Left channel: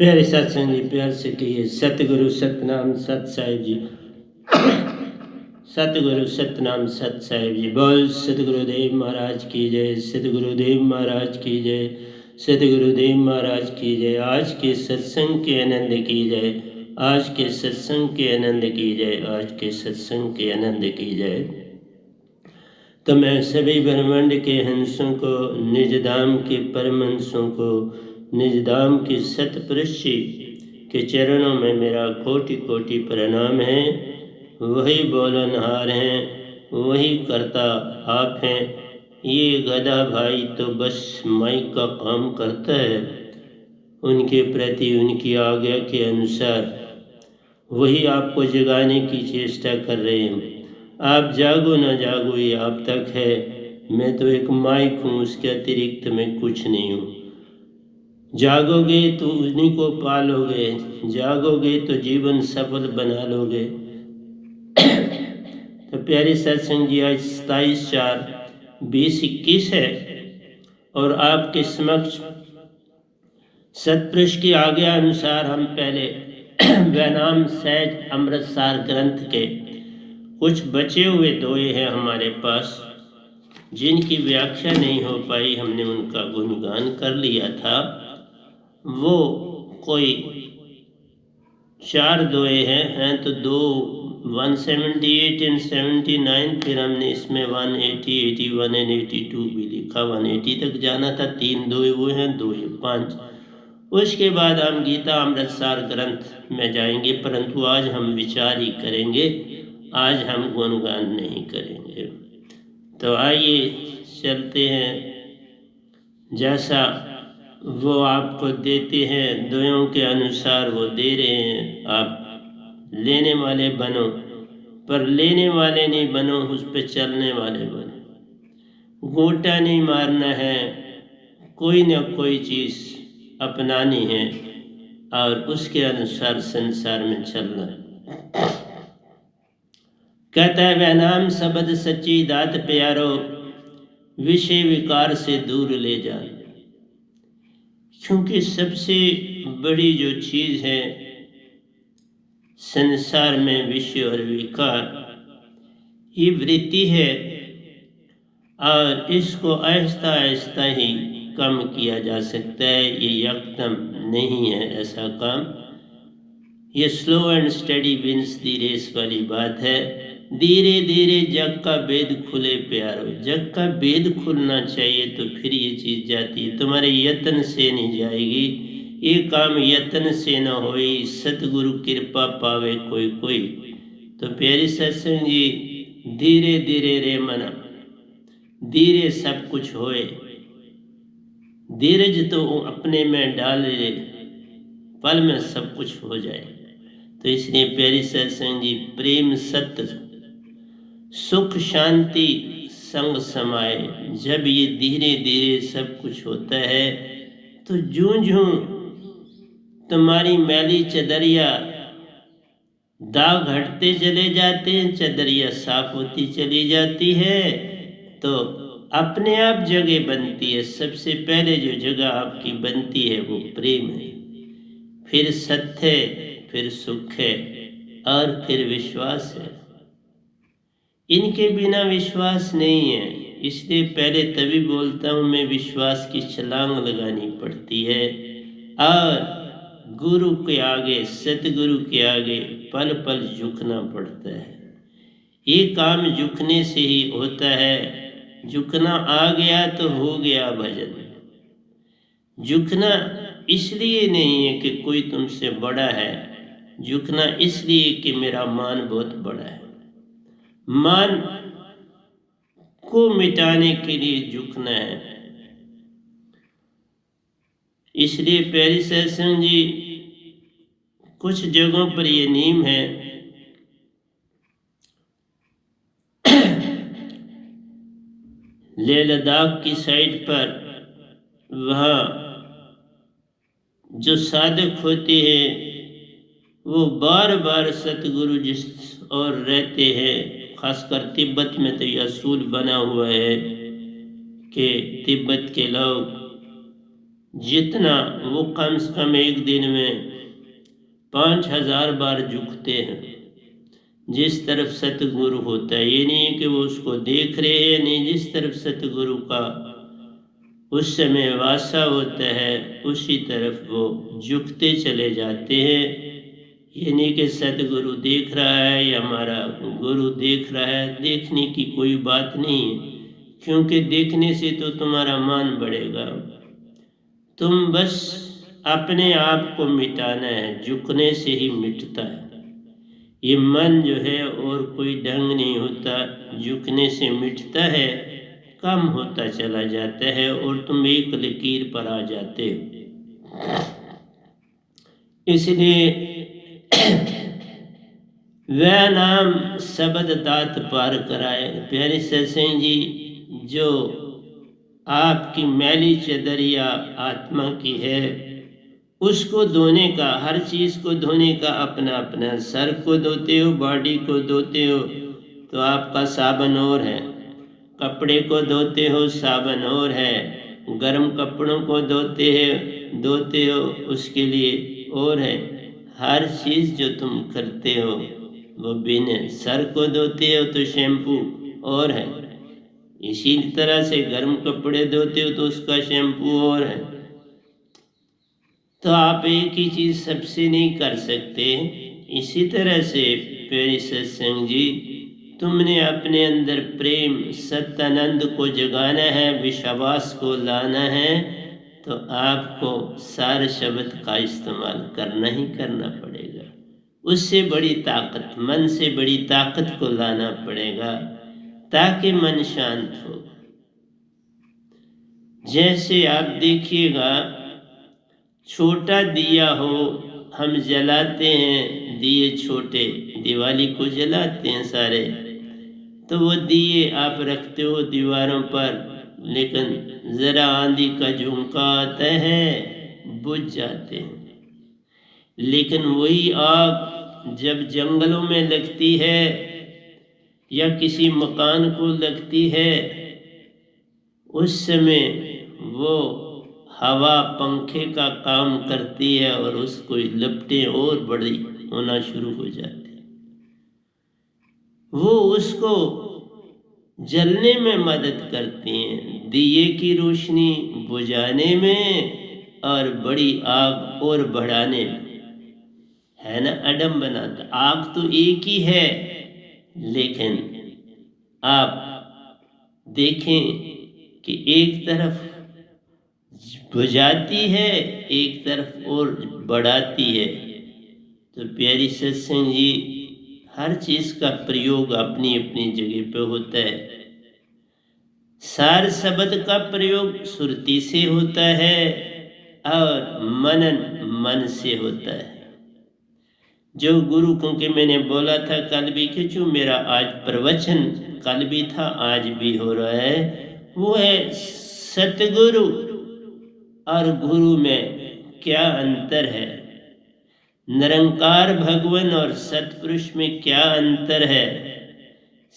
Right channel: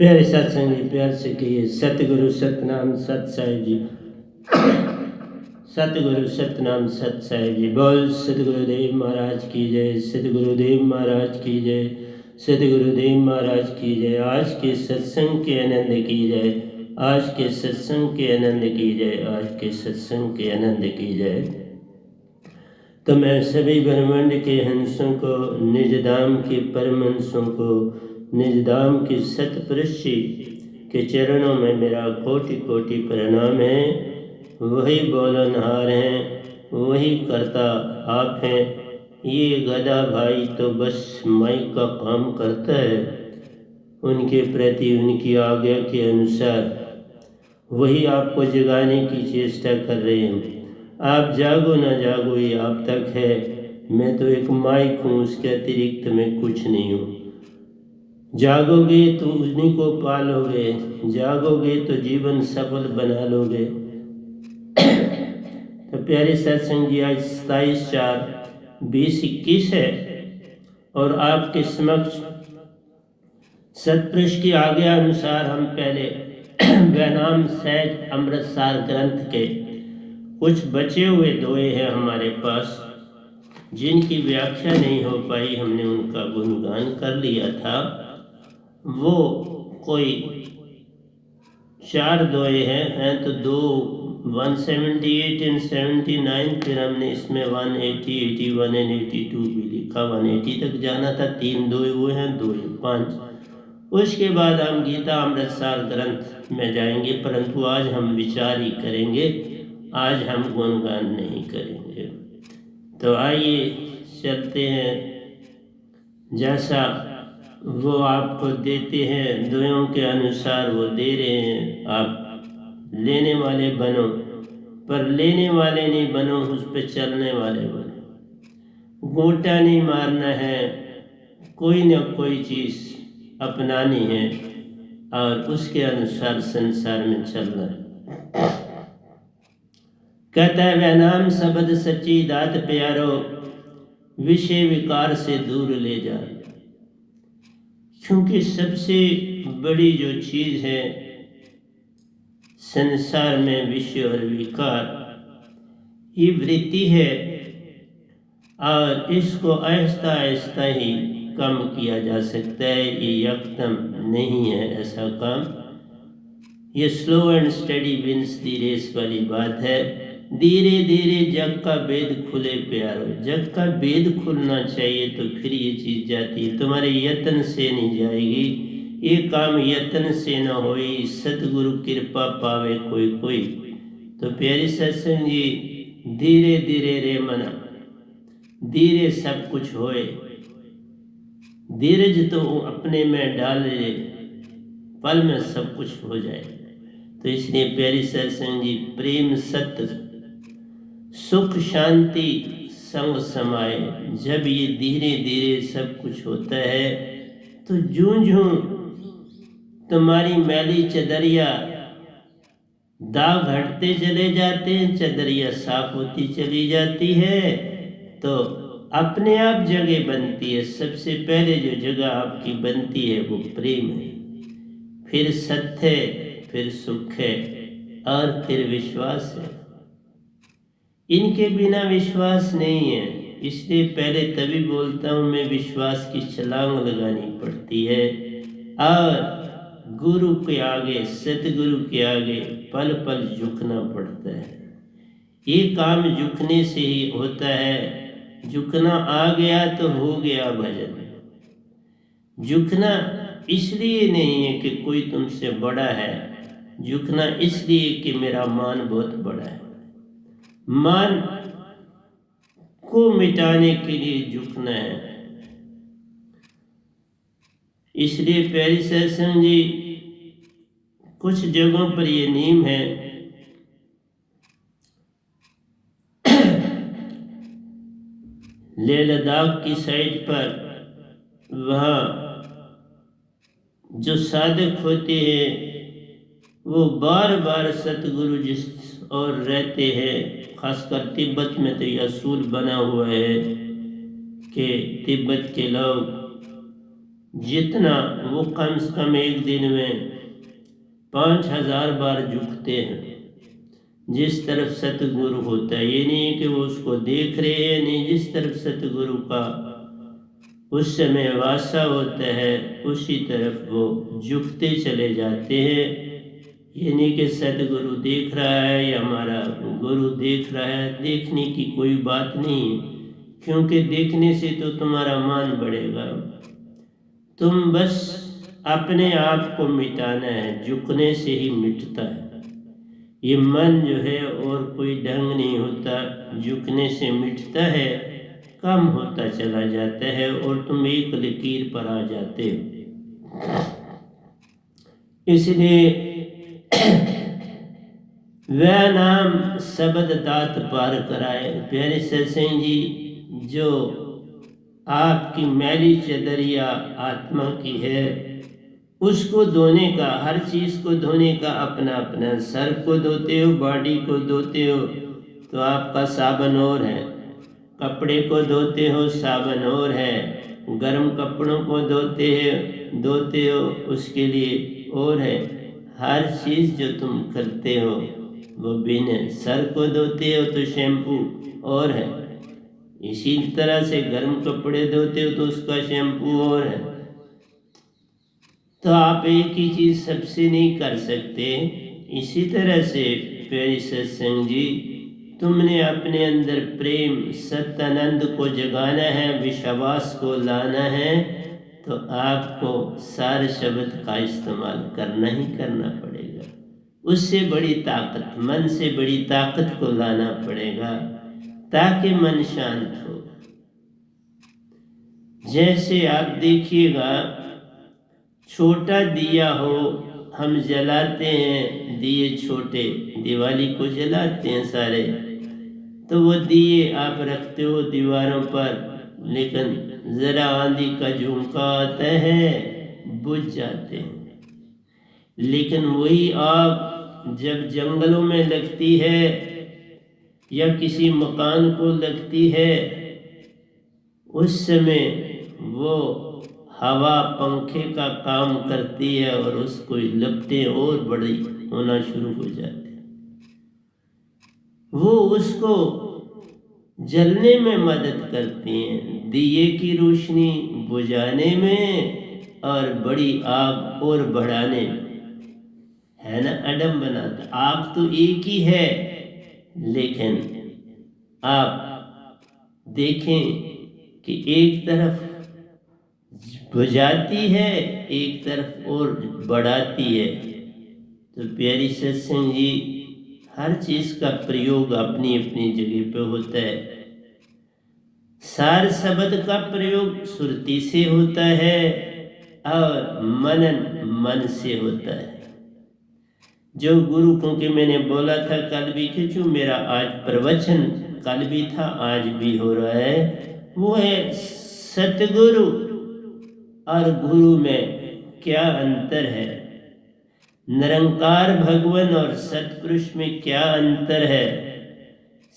प्यारे सत्संग जी, प्यार से कहिए सतगुरु सतनाम सत साहिब जी। सतगुरु सतनाम सत साहिब जी। बोल सतगुरुदेव महाराज की जय, सतगुरुदेव महाराज की जय, सतगुरुदेव महाराज की जय। आज के सत्संग के आनंद की जय, आज के सत्संग के आनंद की जय, आज के सत्संग के आनंद की जय। तो मैं सभी ब्रह्मांड के हंसों को, निज धाम के परम हंसों को, निज धाम के सतपुरुष जी के चरणों में मेरा कोटि कोटि प्रणाम है। वही बोलनहार हैं, वही करता आप हैं। ये गधा भाई तो बस माइक का काम करता है, उनके प्रति उनकी आज्ञा के अनुसार वही आपको जगाने की चेष्टा कर रहे हैं। आप जागो ना जागो ये आप तक है। मैं तो एक माइक हूँ, उसके अतिरिक्त मैं कुछ नहीं हूँ। जागोगे तो उन्हीं को पालोगे, जागोगे तो जीवन सफल बना लोगे। तो प्यारे सत्संग जी, आज 27/4/2021 है और आपके समक्ष सतपुरुष की आज्ञा अनुसार हम पहले वैनाम सहज अमृतसार ग्रंथ के कुछ बचे हुए दोहे हैं हमारे पास, जिनकी व्याख्या नहीं हो पाई। हमने उनका गुणगान कर लिया था। वो कोई 4 दोहे हैं तो 178 एंड 79, फिर हमने इसमें 180, 81 एंड 82 भी लिखा। 180 तक जाना था। 3 दोहे वो हैं, 2 ये 5। उसके बाद हम गीता अमृतसार ग्रंथ में जाएंगे, परंतु आज हम विचार ही करेंगे, आज हम गुणगान नहीं करेंगे। तो आइए चलते हैं, जैसा वो आपको देते हैं दोयों के अनुसार वो दे रहे हैं। आप लेने वाले बनो, पर लेने वाले नहीं बनो, उस पर चलने वाले बनो। गोटा नहीं मारना है, कोई न कोई चीज़ अपनानी है और उसके अनुसार संसार में चलना है। कहता है वह नाम शब्द सच्ची दात प्यारो, विषय विकार से दूर ले जा। क्योंकि सबसे बड़ी जो चीज़ है संसार में, विषय और विकार, ये वृत्ति है और इसको आहिस्ता आहिस्ता ही कम किया जा सकता है। ये यकदम नहीं है ऐसा काम। ये slow and study wins the race वाली बात है। धीरे धीरे जग का भेद खुले प्यारो। जग का भेद खुलना चाहिए तो फिर ये चीज़ जाती है, तुम्हारे यत्न से नहीं जाएगी। ये काम यत्न से न होई, सतगुरु कृपा पावे कोई कोई। तो प्यारी सत्संग जी, धीरे धीरे रे मना, धीरे सब कुछ होए। धीरज तो अपने में डाल ले, पल में सब कुछ हो जाए। तो इसलिए प्यारी सत्संग जी, प्रेम सत्य सुख शांति संग समाए। जब ये धीरे धीरे सब कुछ होता है तो जूं जूं तुम्हारी मैली चदरिया दाग हटते चले जाते हैं, चदरिया साफ होती चली जाती है, तो अपने आप जगह बनती है। सबसे पहले जो जगह आपकी बनती है वो प्रेम है, फिर सत्य है, फिर सुख है और फिर विश्वास है। इनके बिना विश्वास नहीं है। इसलिए पहले तभी बोलता हूँ मैं, विश्वास की छलांग लगानी पड़ती है और गुरु के आगे, सतगुरु के आगे पल पल झुकना पड़ता है। ये काम झुकने से ही होता है। झुकना आ गया तो हो गया भजन। झुकना इसलिए नहीं है कि कोई तुमसे बड़ा है, झुकना इसलिए कि मेरा मान बहुत बड़ा है। मान को मिटाने के लिए झुकना है। इसलिए प्यारी सत्संग जी, कुछ जगहों पर ये नियम है। लेह लद्दाख की साइड पर वहाँ जो साधक होते हैं वो बार बार सतगुरु जिस और रहते हैं, खासकर तिब्बत में तो यह असूल बना हुआ है कि तिब्बत के लोग जितना वो कम से कम एक दिन में 5000 बार झुकते हैं जिस तरफ सतगुरु होता है। ये नहीं है कि वो उसको देख रहे हैं, नहीं, जिस तरफ सतगुरु का उस समय वासा होता है उसी तरफ वो झुकते चले जाते हैं। ये नहीं कि सतगुरु देख रहा है या हमारा गुरु देख रहा है, देखने की कोई बात नहीं है, क्योंकि देखने से तो तुम्हारा मान बढ़ेगा। तुम बस अपने आप को मिटाना है, झुकने से ही मिटता है ये मन जो है, और कोई ढंग नहीं होता। झुकने से मिटता है, कम होता चला जाता है और तुम एक लकीर पर आ जाते हो। इसलिए वह नाम शब्द दात पार कराए। प्यारे सत्संग जी, जो आपकी मैली चदरिया आत्मा की है उसको धोने का, हर चीज को धोने का अपना अपना, सर को धोते हो, बॉडी को धोते हो तो आपका साबन और है, कपड़े को धोते हो साबन और है, गर्म कपड़ों को धोते हो उसके लिए और है। हर चीज जो तुम करते हो वो बिन है। सर को धोते हो तो शैम्पू और है, इसी तरह से गर्म कपड़े धोते हो तो उसका शैम्पू और है। तो आप एक ही चीज सबसे नहीं कर सकते। इसी तरह से प्यारे सत्संग जी, तुमने अपने अंदर प्रेम सत्यानंद को जगाना है, विश्वास को लाना है, तो आपको सारे शब्द का इस्तेमाल करना ही करना पड़ेगा। उससे बड़ी ताकत, मन से बड़ी ताकत को लाना पड़ेगा ताकि मन शांत हो। जैसे आप देखिएगा, छोटा दिया हो, हम जलाते हैं दिए छोटे, दिवाली को जलाते हैं सारे, तो वो दिए आप रखते हो दीवारों पर, लेकिन जरा आंधी का झोंका आता है बुझ जाते हैं। लेकिन वही आग जब जंगलों में लगती है या किसी मकान को लगती है, उस समय वो हवा पंखे का काम करती है और उसको लपटें और बड़ी होना शुरू हो जाती है। वो उसको जलने में मदद करती हैं, दिए की रोशनी बुझाने में और बड़ी आग और बढ़ाने में, है ना। अडम बनाता, आग तो एक ही है, लेकिन आप देखें कि एक तरफ बुझाती है, एक तरफ और बढ़ाती है। तो प्यारी सत्संग जी, हर चीज का प्रयोग अपनी अपनी जगह पे होता है। सार शब्द का प्रयोग सुरती से होता है और मनन मन से होता है। जो गुरु, क्योंकि मैंने बोला था कल भी कि जो मेरा आज प्रवचन कल भी था आज भी हो रहा है, वो है सतगुरु और गुरु में क्या अंतर है, निरंकार भगवान और सतपुरुष में क्या अंतर है,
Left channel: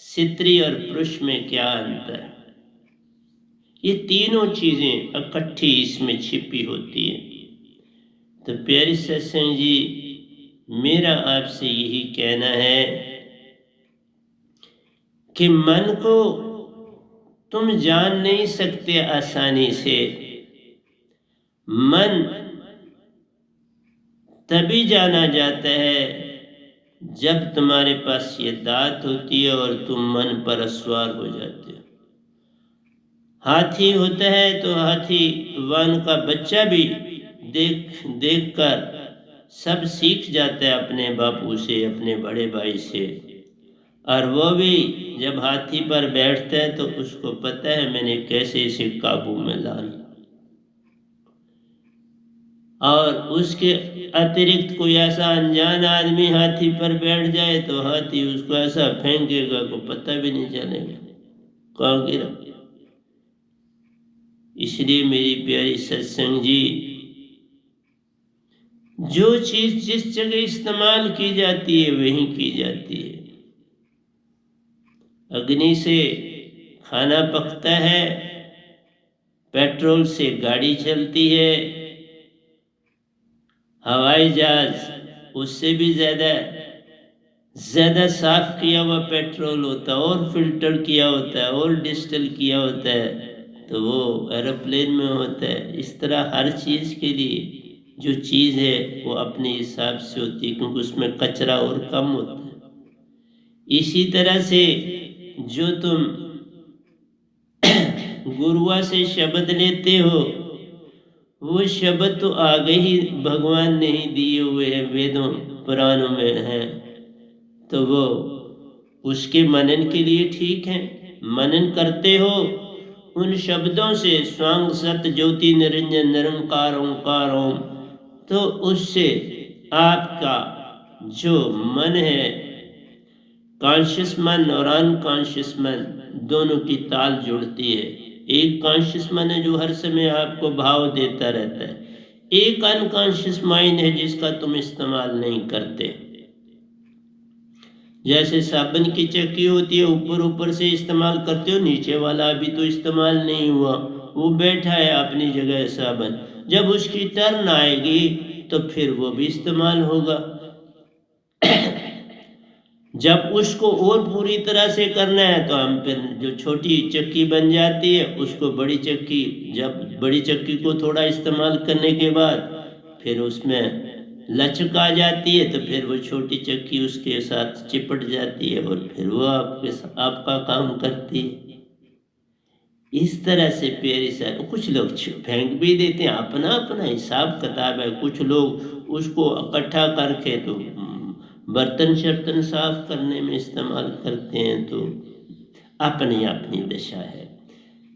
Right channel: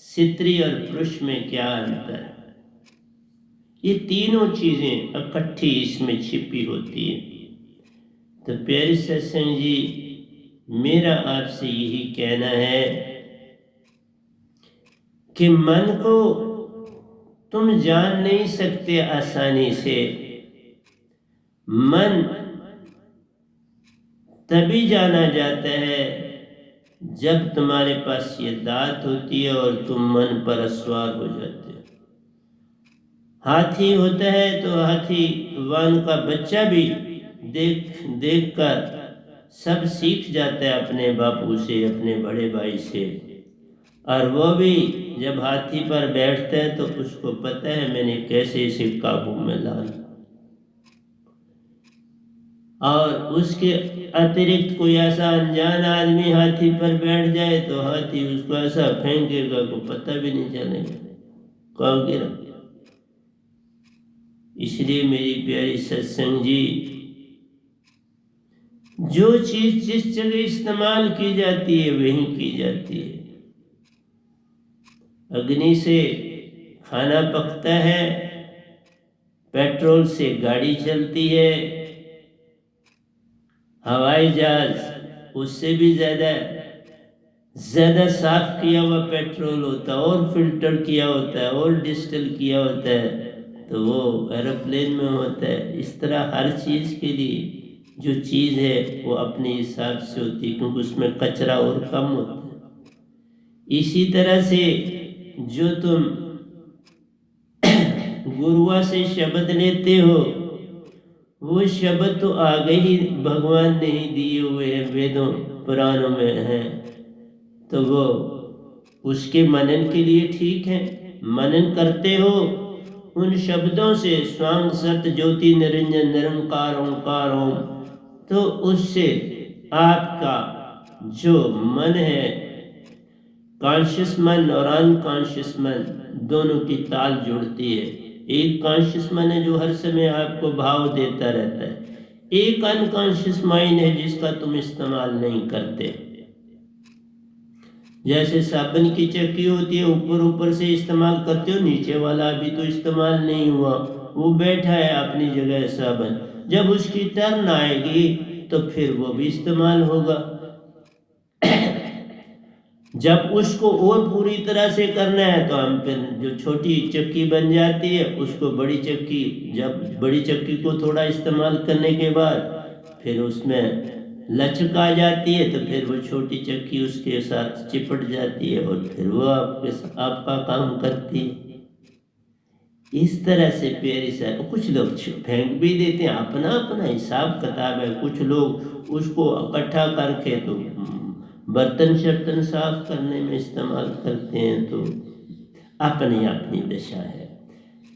स्त्री और पुरुष में क्या अंतर है। ये तीनों चीजें इकट्ठी इसमें छिपी होती है। तो प्यारे सत्संग जी, मेरा आपसे यही कहना है कि मन को तुम जान नहीं सकते आसानी से। मन तभी जाना जाता है जब तुम्हारे पास ये दात होती है और तुम मन पर सवार हो जाते हो। हाथी होता है तो हाथी वान का बच्चा भी देख देख कर सब सीख जाता है अपने बापू से, अपने बड़े भाई से, और वो भी जब हाथी पर बैठता है तो उसको पता है मैंने कैसे इसे काबू में लाना। और उसके अतिरिक्त कोई ऐसा अनजान आदमी हाथी पर बैठ जाए तो हाथी उसको ऐसा फेंकेगा को पता भी नहीं चलेगा कहाँ गिरा। इसलिए मेरी प्यारी सत्संग जी, जो चीज जिस जगह इस्तेमाल की जाती है वहीं की जाती है। अग्नि से खाना पकता है पेट्रोल से गाड़ी चलती है, हवाई जहाज उससे भी ज्यादा साफ किया हुआ पेट्रोल होता है और फिल्टर किया होता है और डिस्टिल किया होता है, तो वो एरोप्लेन में होता है। इस तरह हर चीज के लिए जो चीज है वो अपने हिसाब से होती है, क्योंकि उसमें कचरा और कम होता है। इसी तरह से जो तुम गुरुआ से शब्द लेते हो, वो शब्द तो आगे ही भगवान ने ही दिए हुए हैं, वेदों पुराणों में है, तो वो उसके मनन के लिए ठीक है। मनन करते हो उन शब्दों से, स्वांग सत ज्योति निरंजन निरंकार ओंकार ओम, तो उससे आपका जो मन है, कॉन्शियस मन और अनकॉन्शियस मन, दोनों की ताल जुड़ती है। एक कॉन्शियस मन है जो हर समय आपको भाव देता रहता है, एक अनकॉन्शियस माइंड है जिसका तुम इस्तेमाल नहीं करते। जैसे साबुन की चक्की होती है, ऊपर ऊपर से इस्तेमाल करते हो, नीचे वाला अभी तो इस्तेमाल नहीं हुआ, वो बैठा है अपनी जगह साबुन। जब उसकी टर्न आएगी तो फिर वो भी इस्तेमाल होगा। जब उसको और पूरी तरह से करना है तो हम फिर जो छोटी चक्की बन जाती है उसको बड़ी चक्की, जब बड़ी चक्की को थोड़ा इस्तेमाल करने के बाद फिर उसमें लचक आ जाती है, तो फिर वो छोटी चक्की उसके साथ चिपट जाती है और फिर वो आपका काम करती है। इस तरह से पेरिस है। तो कुछ लोग फेंक भी देते हैं, अपना अपना हिसाब किताब है। कुछ लोग उसको इकट्ठा करके तो बर्तन शर्तन साफ करने में इस्तेमाल करते हैं, तो अपनी अपनी दशा है।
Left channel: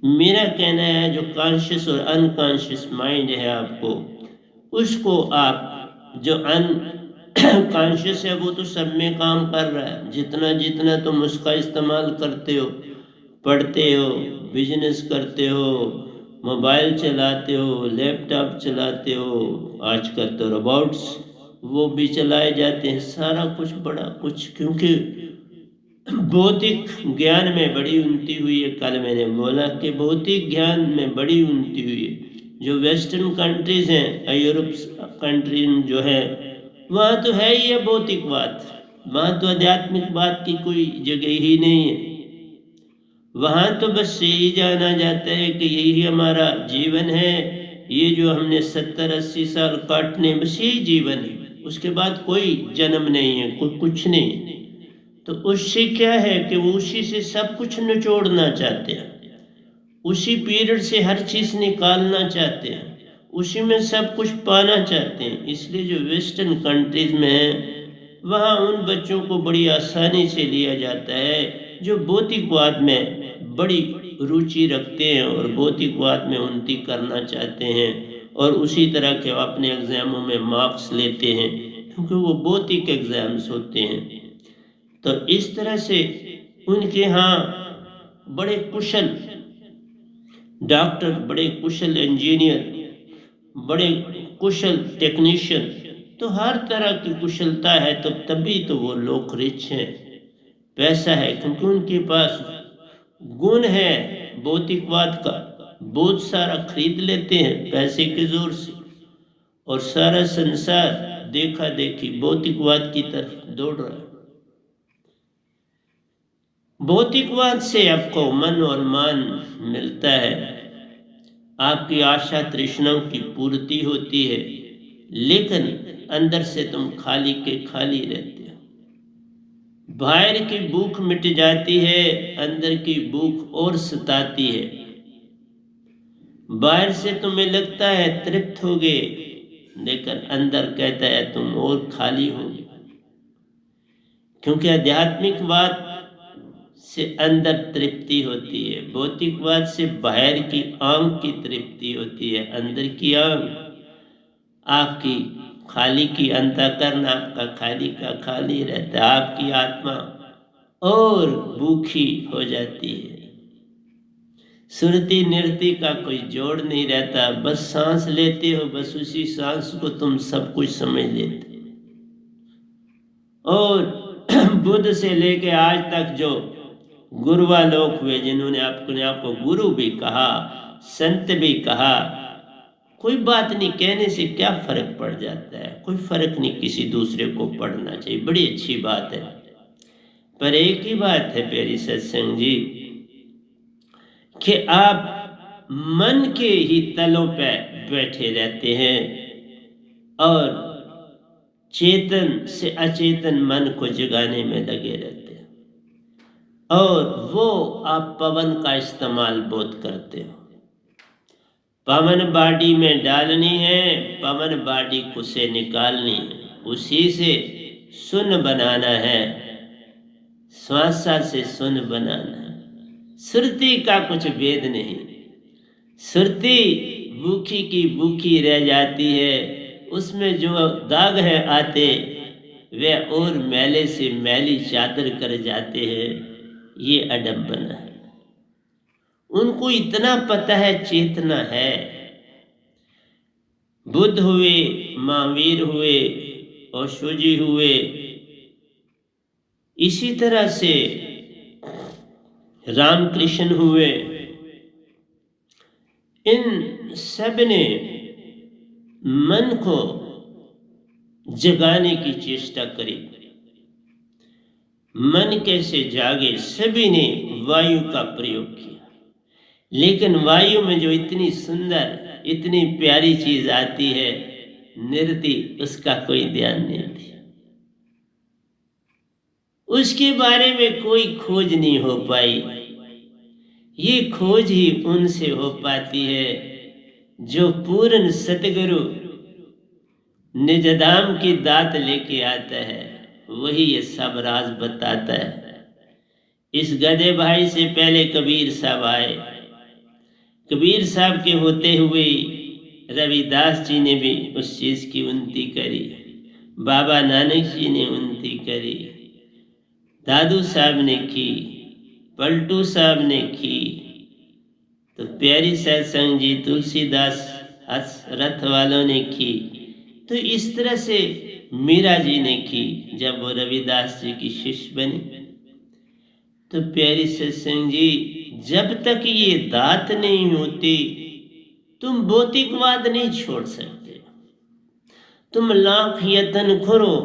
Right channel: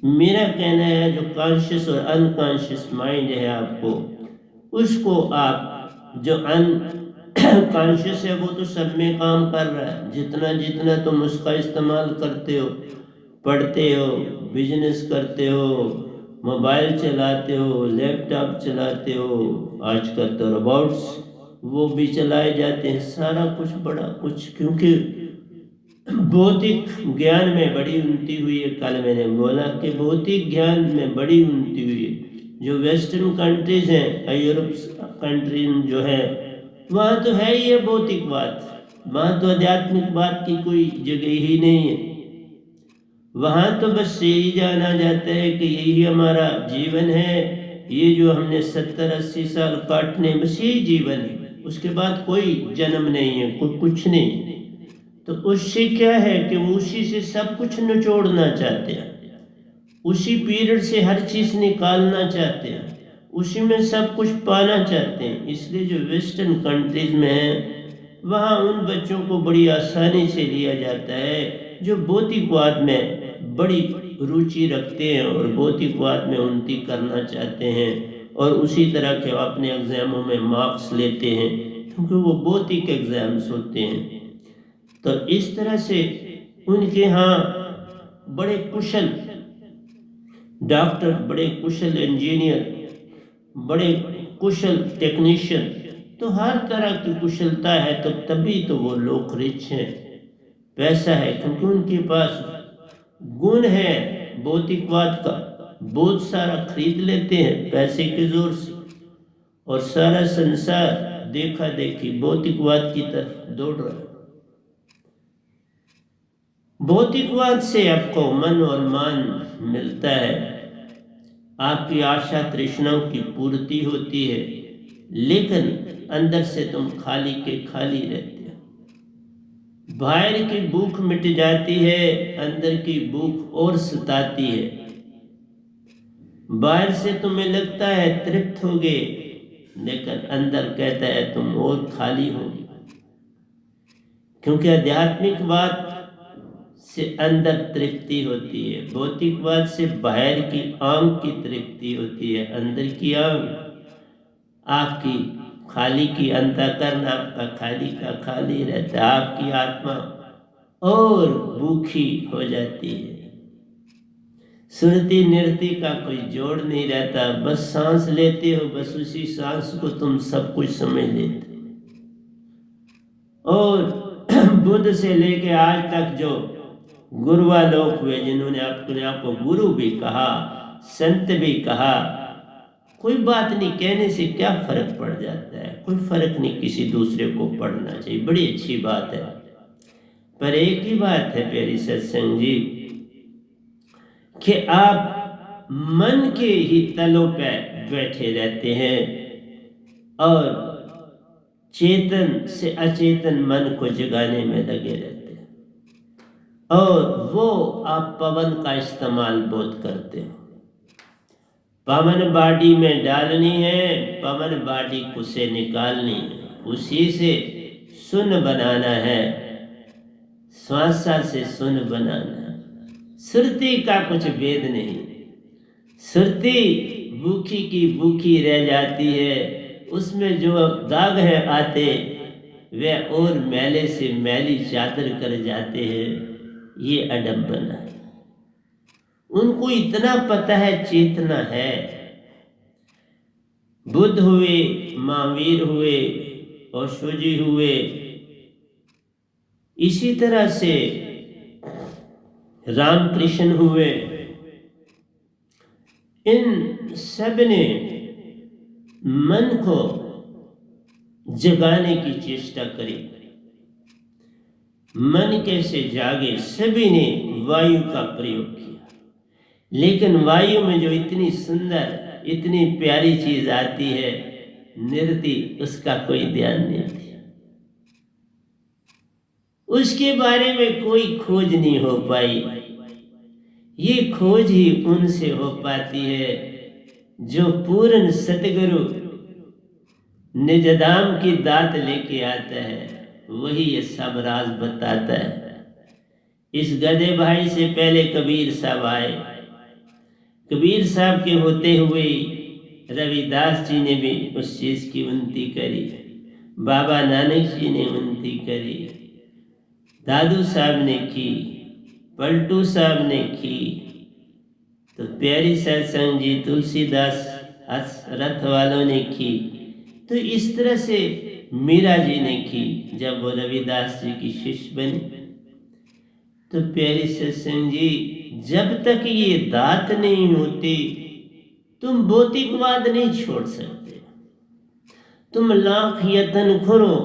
मेरा कहना है जो कॉन्शियस और अनकॉन्शियस माइंड है आपको, उसको आप जो अनकॉन्शियस है वो तो सब में काम कर रहा है। जितना जितना तुम उसका इस्तेमाल करते हो, पढ़ते हो, बिजनेस करते हो, मोबाइल चलाते हो, लैपटॉप चलाते हो, आजकल तो रोबोट्स वो भी चलाए जाते हैं, सारा कुछ बड़ा कुछ, क्योंकि भौतिक ज्ञान में बड़ी उन्नति हुई है। कल मैंने बोला कि भौतिक ज्ञान में बड़ी उन्नति हुई है। जो वेस्टर्न कंट्रीज हैं, यूरोप कंट्री जो है, वहाँ तो है ही है भौतिकवाद, वहाँ तो आध्यात्मिकवाद की कोई जगह ही नहीं है। वहाँ तो बस यही जाना जाता है कि यही हमारा जीवन है, ये जो हमने 70-80 साल काटने, बस यही जीवन है, उसके बाद कोई जन्म नहीं है, कुछ नहीं। तो उससे क्या है कि वो उसी से सब कुछ निचोड़ना चाहते हैं, उसी पीरियड से हर चीज निकालना चाहते हैं, उसी में सब कुछ पाना चाहते हैं। इसलिए जो वेस्टर्न कंट्रीज में है, वहाँ उन बच्चों को बड़ी आसानी से लिया जाता है जो भौतिकवाद में बड़ी रुचि रखते हैं और भौतिकवाद में उन्नति करना चाहते हैं, और उसी तरह के अपने एग्जामों में मार्क्स लेते हैं, क्योंकि वो भौतिक एग्जाम्स होते हैं। तो इस तरह से उनके यहाँ बड़े कुशल डॉक्टर, बड़े कुशल इंजीनियर, बड़े कुशल टेक्नीशियन, तो हर तरह की कुशलता है, तो तभी तो वो लोग रिच हैं, पैसा है, क्योंकि उनके पास गुण है भौतिकवाद का, बहुत सारा खरीद लेते हैं पैसे के जोर से, और सारा संसार देखा देखी भौतिकवाद की तरफ दौड़ रहा है। भौतिकवाद से आपको मन और मान मिलता है, आपकी आशा तृष्णाओं की पूर्ति होती है, लेकिन अंदर से तुम खाली के खाली रहते हो। बाहर की भूख मिट जाती है, अंदर की भूख और सताती है। बाहर से तुम्हें लगता है तृप्त हो गए, लेकिन अंदर कहता है तुम और खाली हो, क्योंकि आध्यात्मिकवाद से अंदर तृप्ति होती है, भौतिकवाद से बाहर की आंख की तृप्ति होती है, अंदर की आंख आपकी खाली की, अंतःकरण आपका खाली का खाली रहता है, आपकी आत्मा और भूखी हो जाती है। सुरती नृत्य का कोई जोड़ नहीं रहता, बस सांस लेते हो, बस उसी सांस को तुम सब कुछ समझ लेते। और बुद्ध से लेके आज तक जो गुरुवा लोग हुए, जिन्होंने अपने आप को गुरु भी कहा, संत भी कहा कोई बात नहीं, कहने से क्या फर्क पड़ जाता है, कोई फर्क नहीं किसी दूसरे को पढ़ना चाहिए, बड़ी अच्छी बात है। पर एक ही बात है प्यारी सत्संग जी कि आप मन के ही तलों पे बैठे रहते हैं और चेतन से अचेतन मन को जगाने में लगे रहते हैं, और वो आप पवन का इस्तेमाल बहुत करते हो। पवन बाडी में डालनी है, पवन बाडी को से निकालनी है, उसी से सुन बनाना है, श्वासा से सुन बनाना है। सुरती का कुछ भेद नहीं, सुरती भूखी की भूखी रह जाती है, उसमें जो दाग है आते वे और मैले से मैली चादर कर जाते हैं। ये अडम्बना है। उनको इतना पता है चेतना है। बुद्ध हुए, महावीर हुए, ओशोजी हुए, इसी तरह से रामकृष्ण हुए, इन सब ने मन को जगाने की चेष्टा करी। मन कैसे जागे, सभी ने वायु का प्रयोग किया, लेकिन वायु में जो इतनी सुंदर इतनी प्यारी चीज आती है नृत्य, उसका कोई ध्यान नहीं दिया। उसके बारे में कोई खोज नहीं हो पाई। ये खोज ही उनसे हो पाती है जो पूर्ण सतगुरु निजदाम की दात लेके आता है, वही ये सब राज बताता है। इस गधे भाई से पहले कबीर साहब आए। कबीर साहब के होते हुए रविदास जी ने भी उस चीज की उन्नति करी, बाबा नानक जी ने उन्नति करी, दादू साहब ने की, पलटू साहब ने की, तो प्यारी सत्संग जी तुलसीदास रथ वालों ने की, तो इस तरह से मीरा जी ने की जब वो रविदास जी की शिष्य बनी। तो प्यारी सत्संग जी, जब तक ये दात नहीं होती तुम भौतिकवाद नहीं छोड़ सकते। तुम लाख यत्न करो,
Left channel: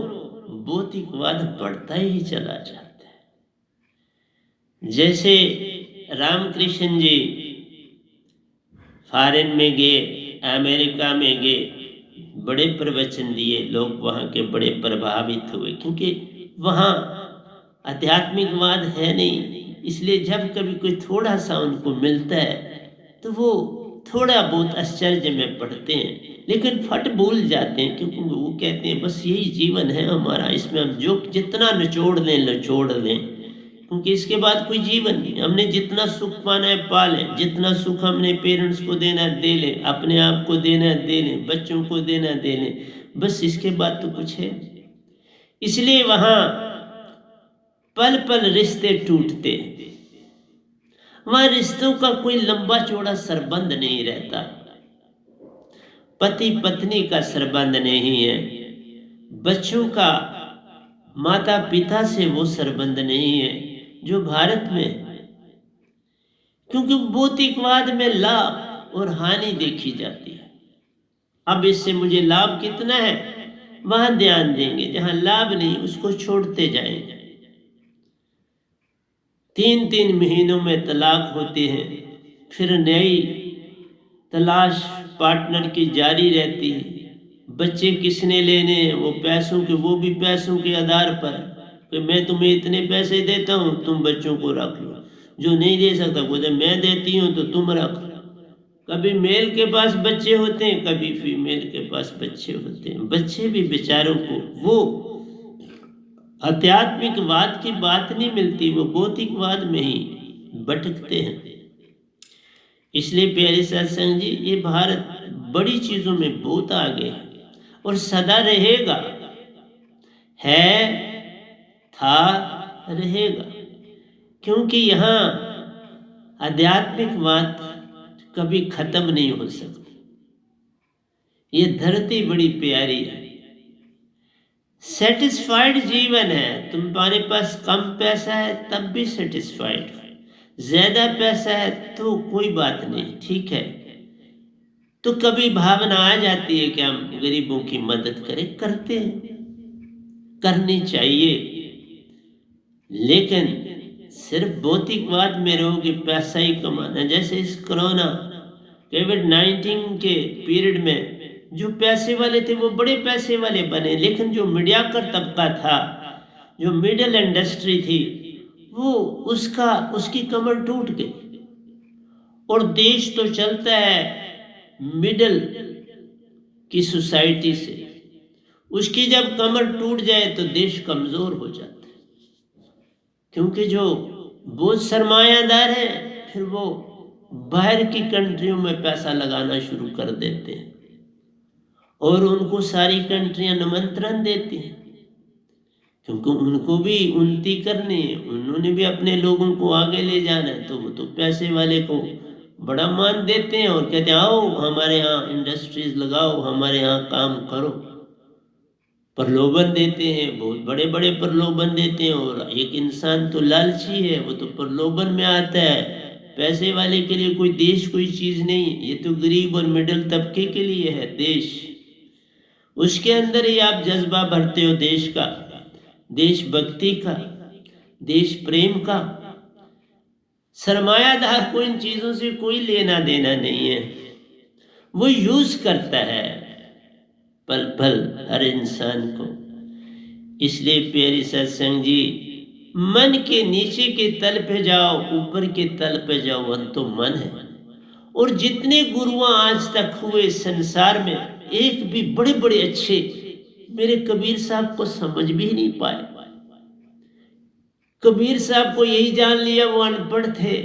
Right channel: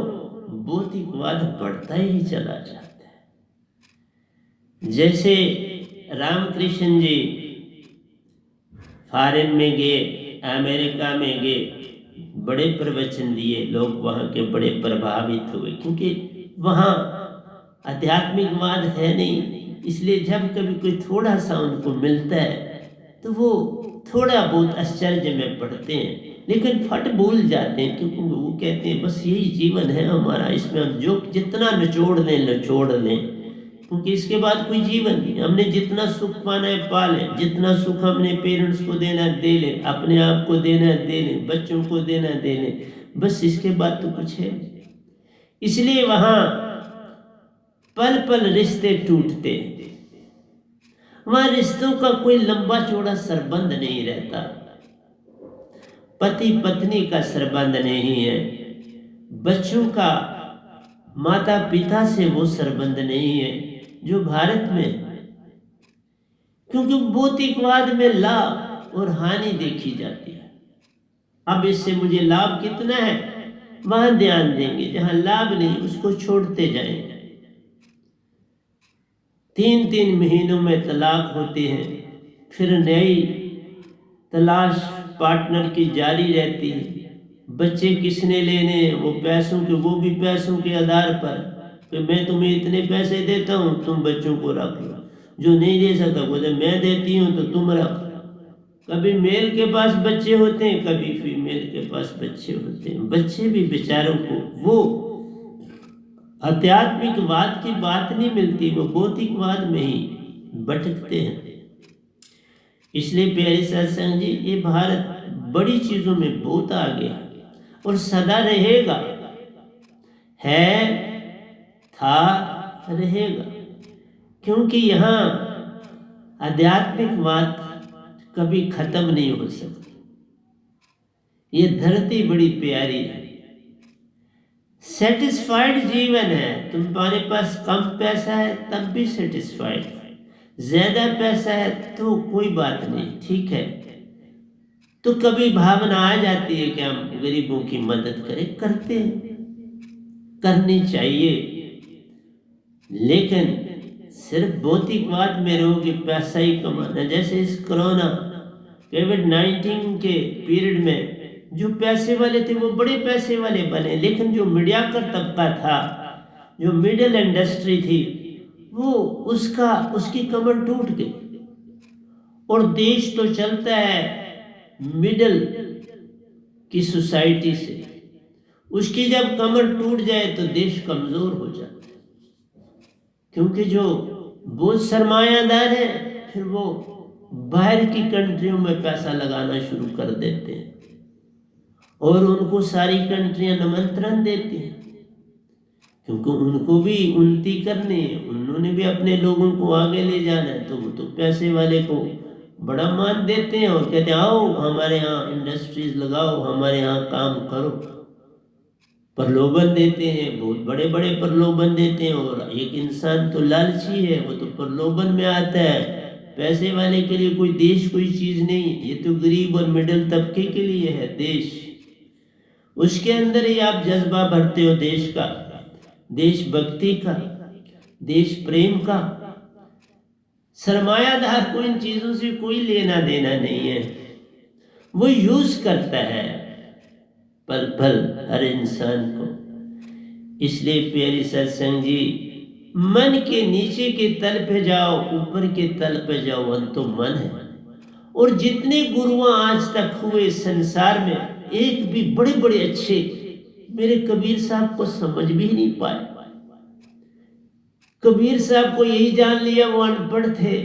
भौतिकवाद बढ़ता ही चला जाता है। जैसे रामकृष्ण जी फॉरेन में गए, अमेरिका में गए, बड़े प्रवचन दिए, लोग वहाँ के बड़े प्रभावित हुए, क्योंकि वहाँ आध्यात्मिकवाद है नहीं। इसलिए जब कभी कोई थोड़ा सा उनको मिलता है तो वो थोड़ा बहुत आश्चर्य में पड़ते हैं, लेकिन फट भूल जाते हैं, क्योंकि वो कहते हैं बस यही जीवन है हमारा, इसमें हम जो जितना निचोड़ लें, क्योंकि इसके बाद कोई जीवन नहीं। हमने जितना सुख पाना है पा लें, जितना सुख हमने पेरेंट्स को देना दे लें, अपने आप को देना दे लें, बच्चों को देना दे लें, बस इसके बाद तो कुछ है। इसलिए वहां पल पल रिश्ते टूटते, वहां रिश्तों का कोई लंबा चौड़ा संबंध नहीं रहता, पति पत्नी का संबंध नहीं है, बच्चों का माता पिता से वो संबंध नहीं है जो भारत में है। क्योंकि भौतिकवाद में लाभ और हानि देखी जाती है। अब इससे मुझे लाभ कितना है वहां ध्यान देंगे, जहां लाभ नहीं उसको छोड़ते जाएंगे। 3-3 महीनों में तलाक होते हैं, फिर नई तलाश पार्टनर की जारी रहती है। बच्चे किसने लेने हैं, वो पैसों के, वो भी पैसों के आधार पर, तो मैं तुम्हें इतने पैसे देता हूँ तुम बच्चों को रख लो, जो नहीं दे सकता बोले मैं देती हूँ तो तुम रख। कभी मेल के पास बच्चे होते हैं, कभी फीमेल के पास बच्चे होते हैं। बच्चे भी बेचारों को वो आध्यात्मिकवाद की बात नहीं मिलती, वो भौतिकवाद में ही भटकते हैं। इसलिए प्यारे सत्संग जी, ये भारत बड़ी चीजों में बहुत आगे है और सदा रहेगा, है, था, रहेगा, क्योंकि यहाँ आध्यात्मिकवाद कभी खत्म नहीं हो सकती। ये धरती बड़ी प्यारी है, सेटिस्फाइड जीवन है। तुम्हारे पास कम पैसा है तब भी सेटिस्फाइड, ज्यादा पैसा है तो कोई बात नहीं, ठीक है, तो कभी भावना आ जाती है कि हम गरीबों की मदद करें, करते हैं, करनी चाहिए। लेकिन सिर्फ भौतिकवाद में रहो कि पैसा ही कमाना। जैसे इस कोरोना कोविड-19 के पीरियड में जो पैसे वाले थे वो बड़े पैसे वाले बने, लेकिन जो मीडियाकर तबका था, जो मिडिल इंडस्ट्री थी, वो उसकी कमर टूट गई। और देश तो चलता है मिडिल की सोसाइटी से, उसकी जब कमर टूट जाए तो देश कमजोर हो जाता है, क्योंकि जो बहुत सरमायादार है फिर वो बाहर की कंट्रियों में पैसा लगाना शुरू कर देते हैं और उनको सारी कंट्रियां निमंत्रण देती हैं, क्योंकि उनको भी उन्नति करनी है, उन्होंने भी अपने लोगों को आगे ले जाना है। तो वो तो पैसे वाले को बड़ा मान देते हैं और कहते हैं आओ हमारे यहाँ इंडस्ट्रीज लगाओ, हमारे यहाँ काम करो। प्रलोभन देते हैं, बहुत बड़े बड़े प्रलोभन देते हैं। और एक इंसान तो लालची है, वो तो प्रलोभन में आता है। पैसे वाले के लिए कोई देश कोई चीज नहीं, ये तो गरीब और मिडिल तबके के लिए है देश। उसके अंदर ही आप जज्बा भरते हो देश का, देशभक्ति का, देश प्रेम का। सरमायादार को इन चीजों से कोई लेना देना नहीं है, वो यूज करता है पल पल हर इंसान को। इसलिए प्यारी सत्संग जी, मन के नीचे के तल पे जाओ, ऊपर के तल पे जाओ, मन तो मन है। और जितने गुरुआ आज तक हुए संसार में, एक भी बड़े बड़े अच्छे मेरे कबीर साहब को समझ भी नहीं पाए। कबीर साहब को यही जान लिया वो अनपढ़ थे।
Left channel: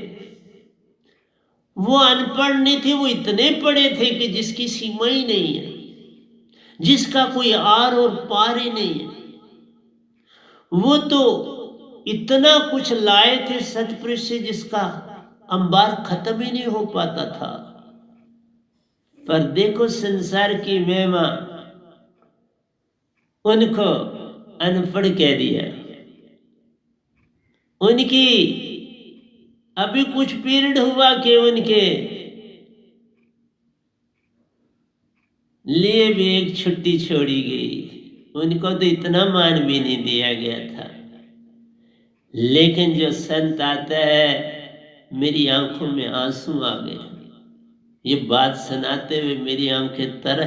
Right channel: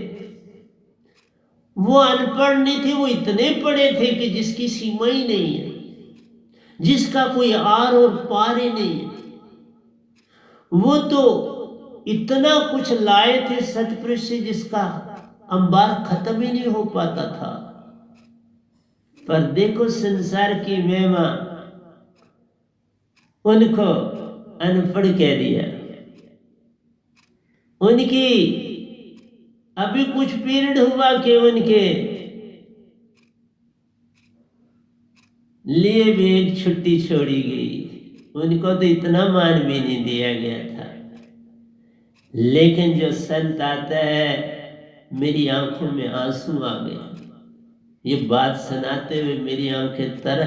वो अनपढ़ नहीं थे, वो इतने पढ़े थे कि जिसकी सीमा ही नहीं है, जिसका कोई आर और पार ही नहीं है। वो तो इतना कुछ लाए थे सतपुरुष से जिसका अंबार खत्म ही नहीं हो पाता था। पर देखो संसार की महिमा, उनको अनपढ़ कह दिया। उनकी अभी कुछ पीरियड हुआ कि उनके लिए भी एक छुट्टी छोड़ी गई। उनको तो इतना मान भी नहीं दिया गया था। लेकिन जो संत आता है, मेरी आंखों में आंसू आ गए। ये बात सुनाते हुए मेरी आंखें तरह।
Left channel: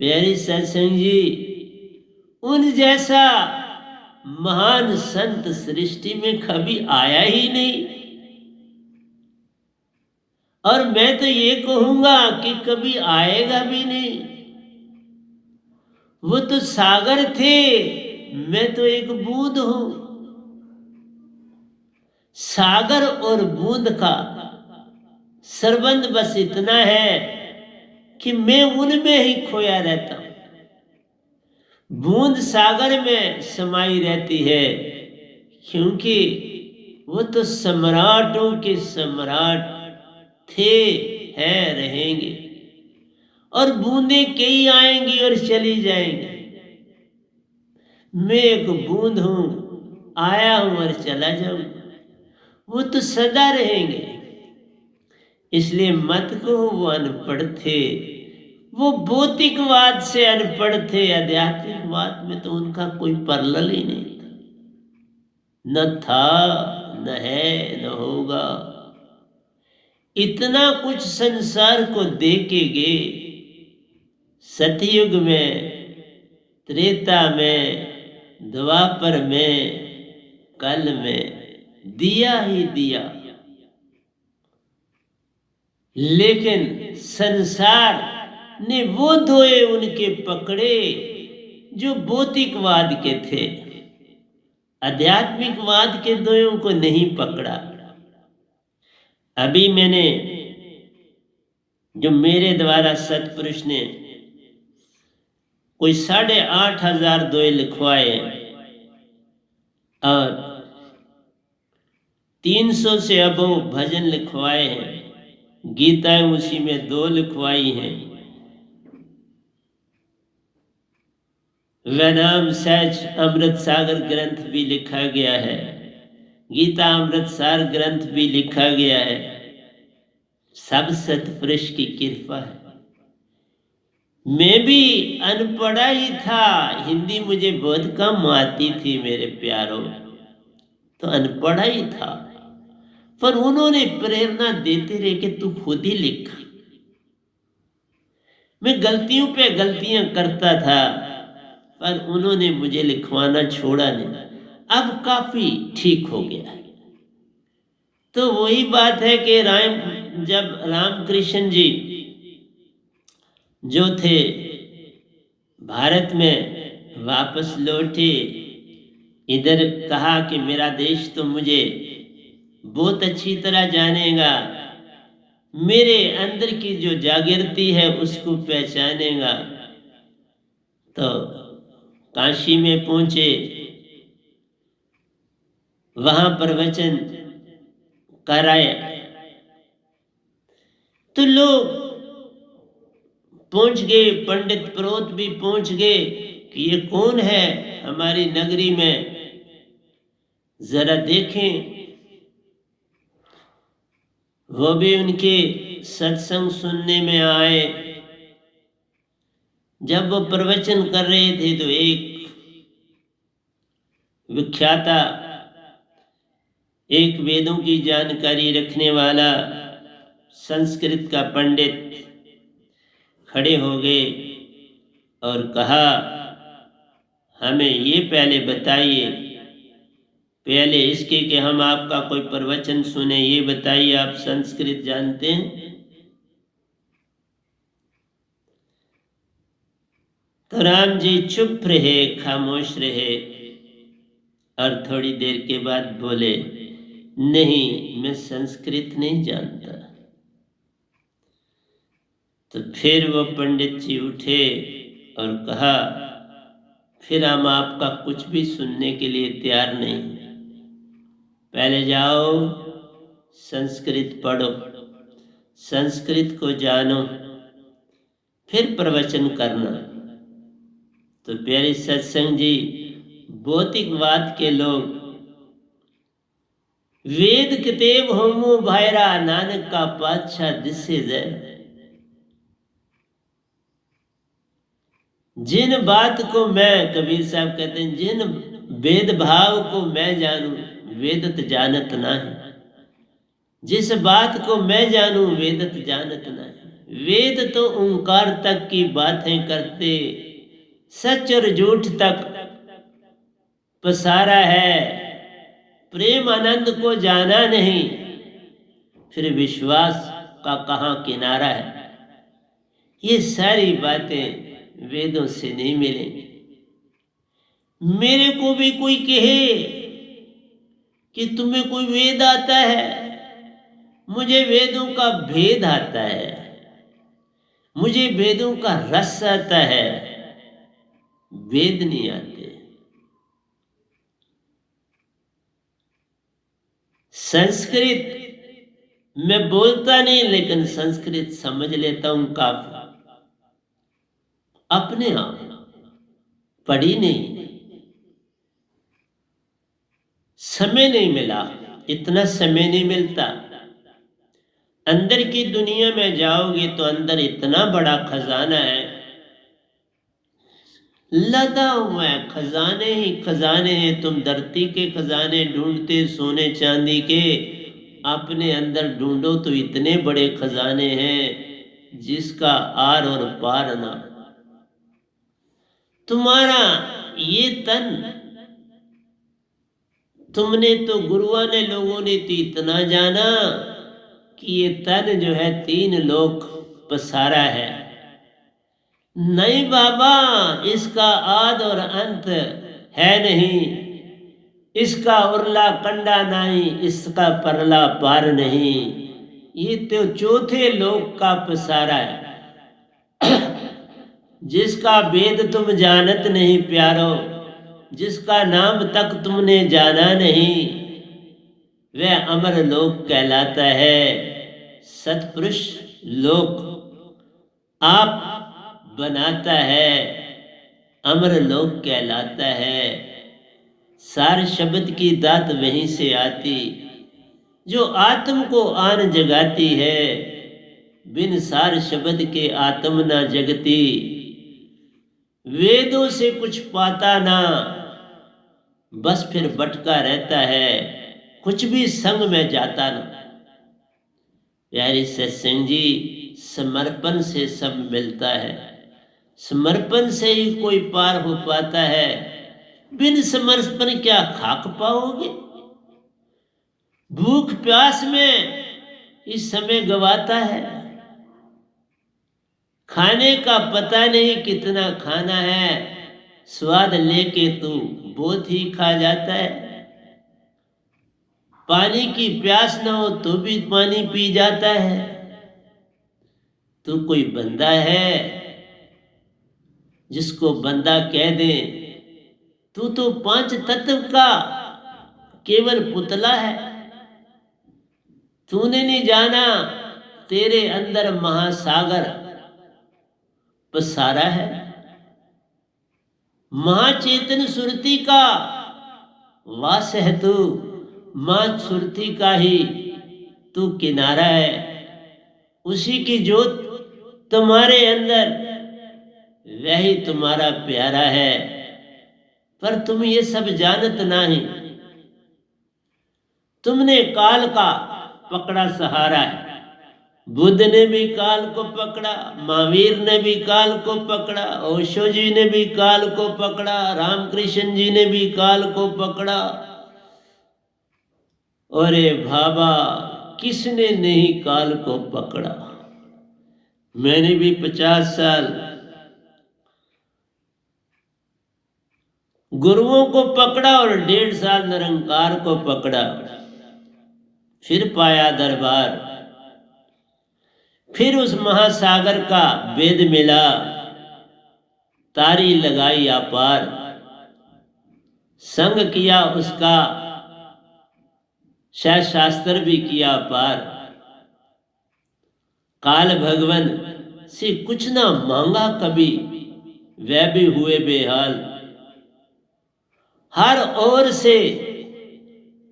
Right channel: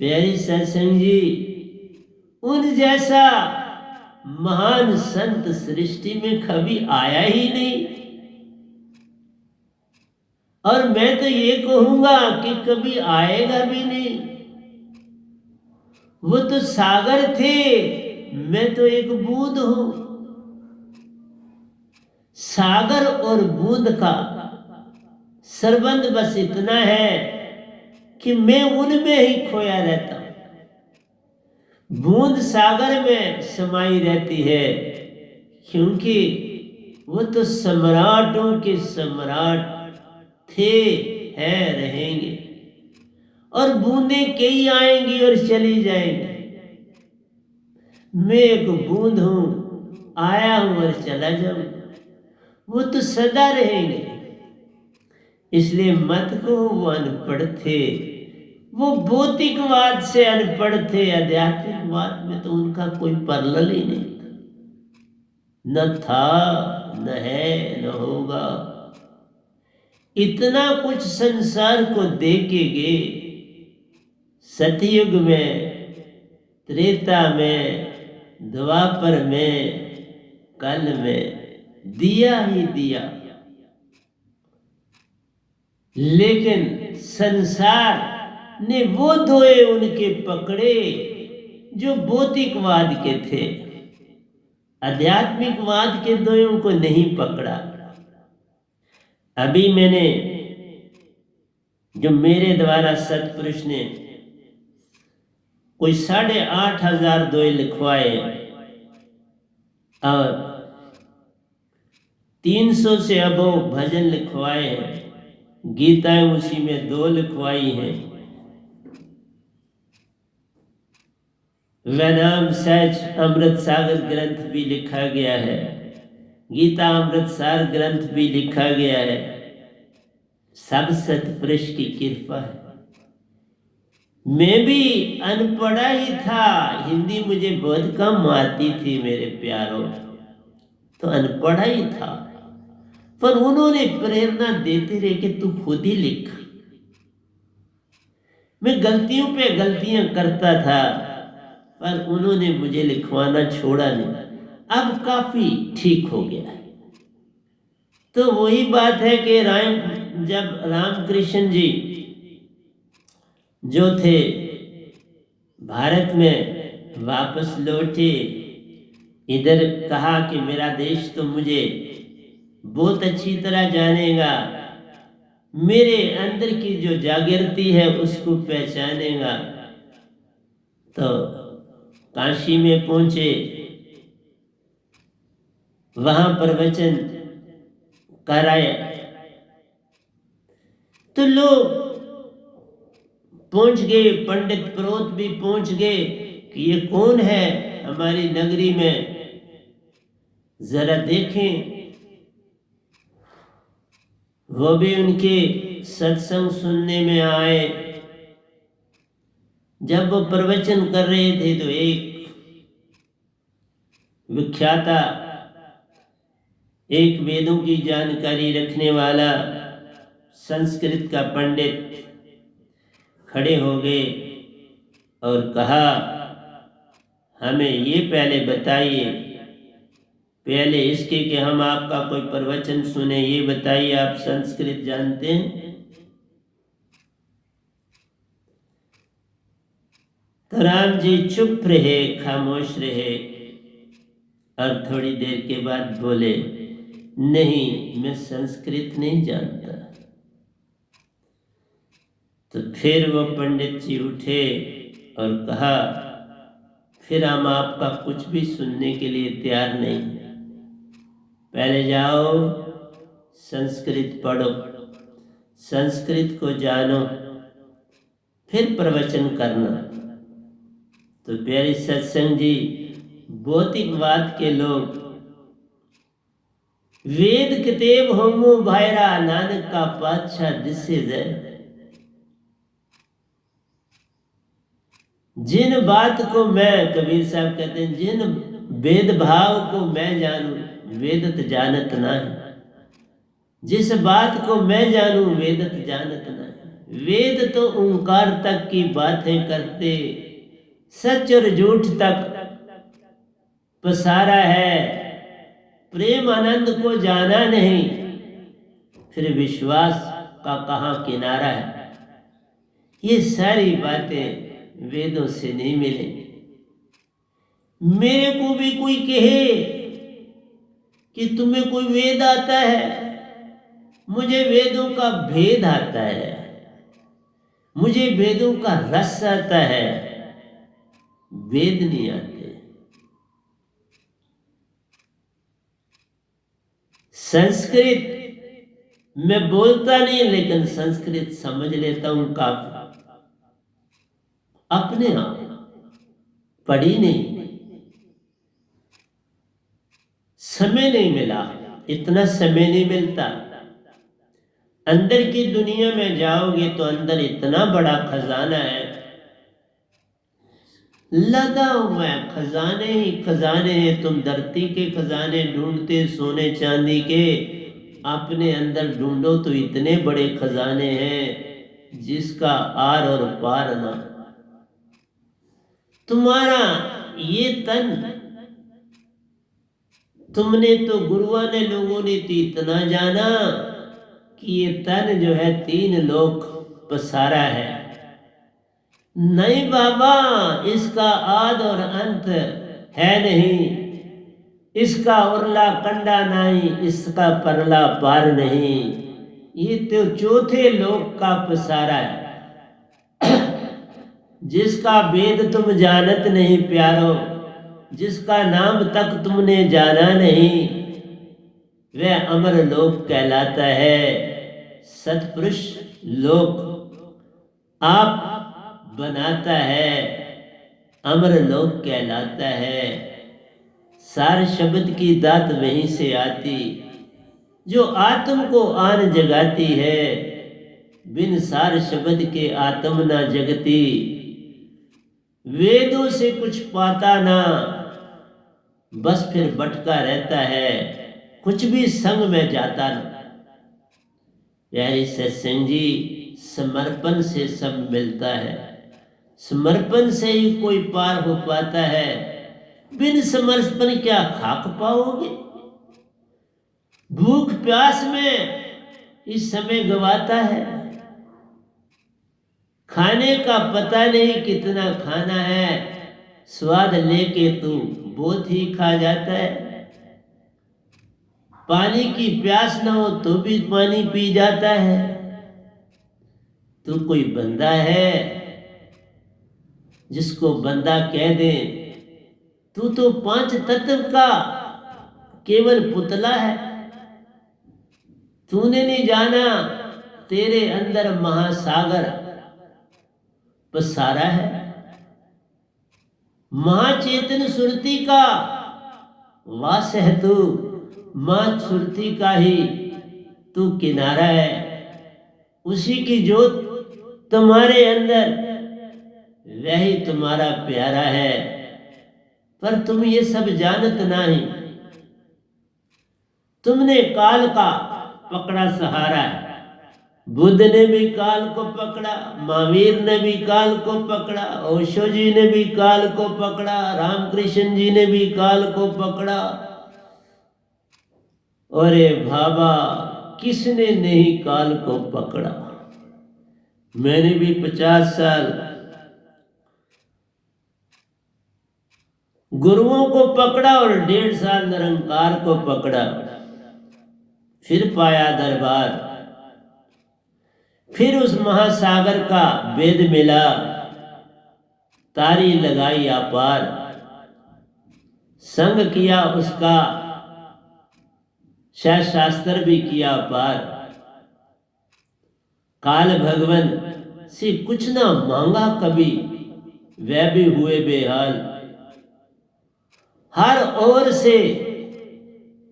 प्यारी सत्संग जी, उन जैसा महान संत सृष्टि में कभी आया ही नहीं। और मैं तो ये कहूंगा कि कभी आएगा भी नहीं। वो तो सागर थे, मैं तो एक बूंद हूं। सागर और बूंद का संबंध बस इतना है कि मैं उनमें ही खोया रहता हूं। बूंद सागर में समाई रहती है, क्योंकि वो तो सम्राटों के सम्राट थे, हैं, रहेंगे। और बूंदें कई आएंगी और चली जाएंगी। मैं एक बूंद हूं, आया हूं और चला जाऊंगा। वो तो सदा रहेंगे। इसलिए मत कहो वो अनपढ़ थे। वो भौतिकवाद से अनपढ़ थे, आध्यात्मिकवाद में तो उनका कोई परलल ही नहीं था। न था, न है, न होगा। इतना कुछ संसार को दे के गए। सतयुग में, त्रेता में, द्वापर में, कल में दिया ही दिया। लेकिन संसार ने वो धोए उनके पकड़े जो भौतिकवाद के थे। आध्यात्मिकवाद के दोयों को नहीं पकड़ा। अभी मैंने जो मेरे द्वारा सतपुरुष ने कोई 8,500 दोहे लिखवाए और 300 से अबो भजन लिखवाए हैं। गीताएं उसी में 2 लिखवाई हैं। वैनाम सहज अमृत सागर ग्रंथ भी लिखा गया है। गीता अमृत सार ग्रंथ भी लिखा गया है। सब सतपुरुष की कृपा है। मैं भी अनपढ़ा ही था, हिंदी मुझे बहुत कम आती थी मेरे प्यारों, तो अनपढ़ा ही था, पर उन्होंने प्रेरणा देते रहे कि तू खुद ही लिख। मैं गलतियों पे गलतियां करता था, पर उन्होंने मुझे लिखवाना छोड़ा नहीं। अब काफी ठीक हो गया है। तो वही बात है कि जब रामकृष्ण जी जो थे भारत में वापस लौटे, इधर कहा कि मेरा देश तो मुझे बहुत अच्छी तरह जानेगा, मेरे अंदर की जो जागृति है उसको पहचानेगा। तो काशी में पहुंचे, वहां प्रवचन कराए, तो लोग पहुंच गए, पंडित प्रोत भी पहुंच गए कि ये कौन है हमारी नगरी में, जरा देखें। वो भी उनके सत्संग सुनने में आए। जब वो प्रवचन कर रहे थे तो एक विख्याता, एक वेदों की जानकारी रखने वाला संस्कृत का पंडित खड़े हो गए और कहा, हमें ये पहले बताइए, पहले इसके कि हम आपका कोई प्रवचन सुने, ये बताइए आप संस्कृत जानते हैं? तो राम जी चुप रहे, खामोश रहे और थोड़ी देर के बाद बोले, नहीं, मैं संस्कृत नहीं जानता। तो फिर वो पंडित जी उठे और कहा, फिर हम आपका कुछ भी सुनने के लिए तैयार नहीं, पहले जाओ संस्कृत पढ़ो, संस्कृत को जानो, फिर प्रवचन करना। तो प्यारे सत्संग जी, भौतिकवाद के लोग वेद किताब होमो भायरा, नानक का पातशाह दिसे जय। जिन बात को मैं, कबीर साहब कहते हैं, जिन वेद भाव को मैं जानूं, वेदत जानत ना है। जिस बात को मैं जानूं, वेदत जानत ना है। वेद तो ओंकार तक की बातें करते, सच और झूठ तक पसारा है, प्रेम आनंद को जाना नहीं, फिर विश्वास का कहां किनारा है। ये सारी बातें वेदों से नहीं मिलेंगी। मेरे को भी कोई कहे कि तुम्हें कोई वेद आता है, मुझे वेदों का भेद आता है, मुझे वेदों का रस आता है, वेद नहीं आते। संस्कृत मैं बोलता नहीं, लेकिन संस्कृत समझ लेता हूं काफी, अपने आप, पढ़ी नहीं, समय नहीं मिला, इतना समय नहीं मिलता। अंदर की दुनिया में जाओगे तो अंदर इतना बड़ा खजाना है, लदा हुआ है, खजाने ही खजाने हैं। तुम धरती के खजाने ढूंढते, सोने चांदी के, अपने अंदर ढूंढो तो इतने बड़े खजाने हैं जिसका आर और पार ना। तुम्हारा ये तन, तुमने तो गुरुआ ने, लोगों ने तो इतना जाना कि ये तन जो है 3 लोक पसारा है। नहीं बाबा, इसका आद और अंत है नहीं, इसका उरला कंडा नहीं, इसका परला पार नहीं। ये तो चौथे लोक का पसारा है, जिसका वेद तुम जानत नहीं प्यारो, जिसका नाम तक तुमने जाना नहीं, वह अमर लोक कहलाता है। सतपुरुष लोक आप बनाता है, अमर लोक कहलाता है। सार शब्द की दात वहीं से आती, जो आत्म को आन जगाती है, बिन सार शब्द के आत्म न जगती, वेदों से कुछ पाता ना, बस फिर भटका रहता है, कुछ भी संग में जाता ना। प्यारे सत्संग जी, समर्पण से सब मिलता है, समर्पण से ही कोई पार हो पाता है। बिन समर्पण क्या खाक पाओगे? भूख प्यास में इस समय गवाता है, खाने का पता नहीं कितना खाना है, स्वाद लेके तू बहुत ही खा जाता है। पानी की प्यास न हो तो भी पानी पी जाता है। तू कोई बंदा है जिसको बंदा कह दे? तू तो पांच तत्व का केवल पुतला है। तूने नहीं जाना तेरे अंदर महासागर पसारा है। महाचेतन सुरती का वास है तू, मां सुरती का ही तू किनारा है। उसी की जोत तुम्हारे अंदर, वही तुम्हारा प्यारा है। पर तुम ये सब जानत नहीं, तुमने काल का पकड़ा सहारा है। बुद्ध ने भी काल को पकड़ा, महावीर ने भी काल को पकड़ा, ओशो जी ने भी काल को पकड़ा, रामकृष्ण जी ने भी काल को पकड़ा। अरे बाबा, किसने नहीं काल को पकड़ा? मैंने भी 50 साल गुरुओं को पकड़ा और 1.5 साल निरंकार को पकड़ा, फिर पाया दरबार, फिर उस महासागर का वेद मिला, तारी लगाई अपार, संग किया उसका, शास्त्र भी किया पार। काल भगवन से कुछ ना मांगा कभी, वह भी हुए बेहाल। हर ओर से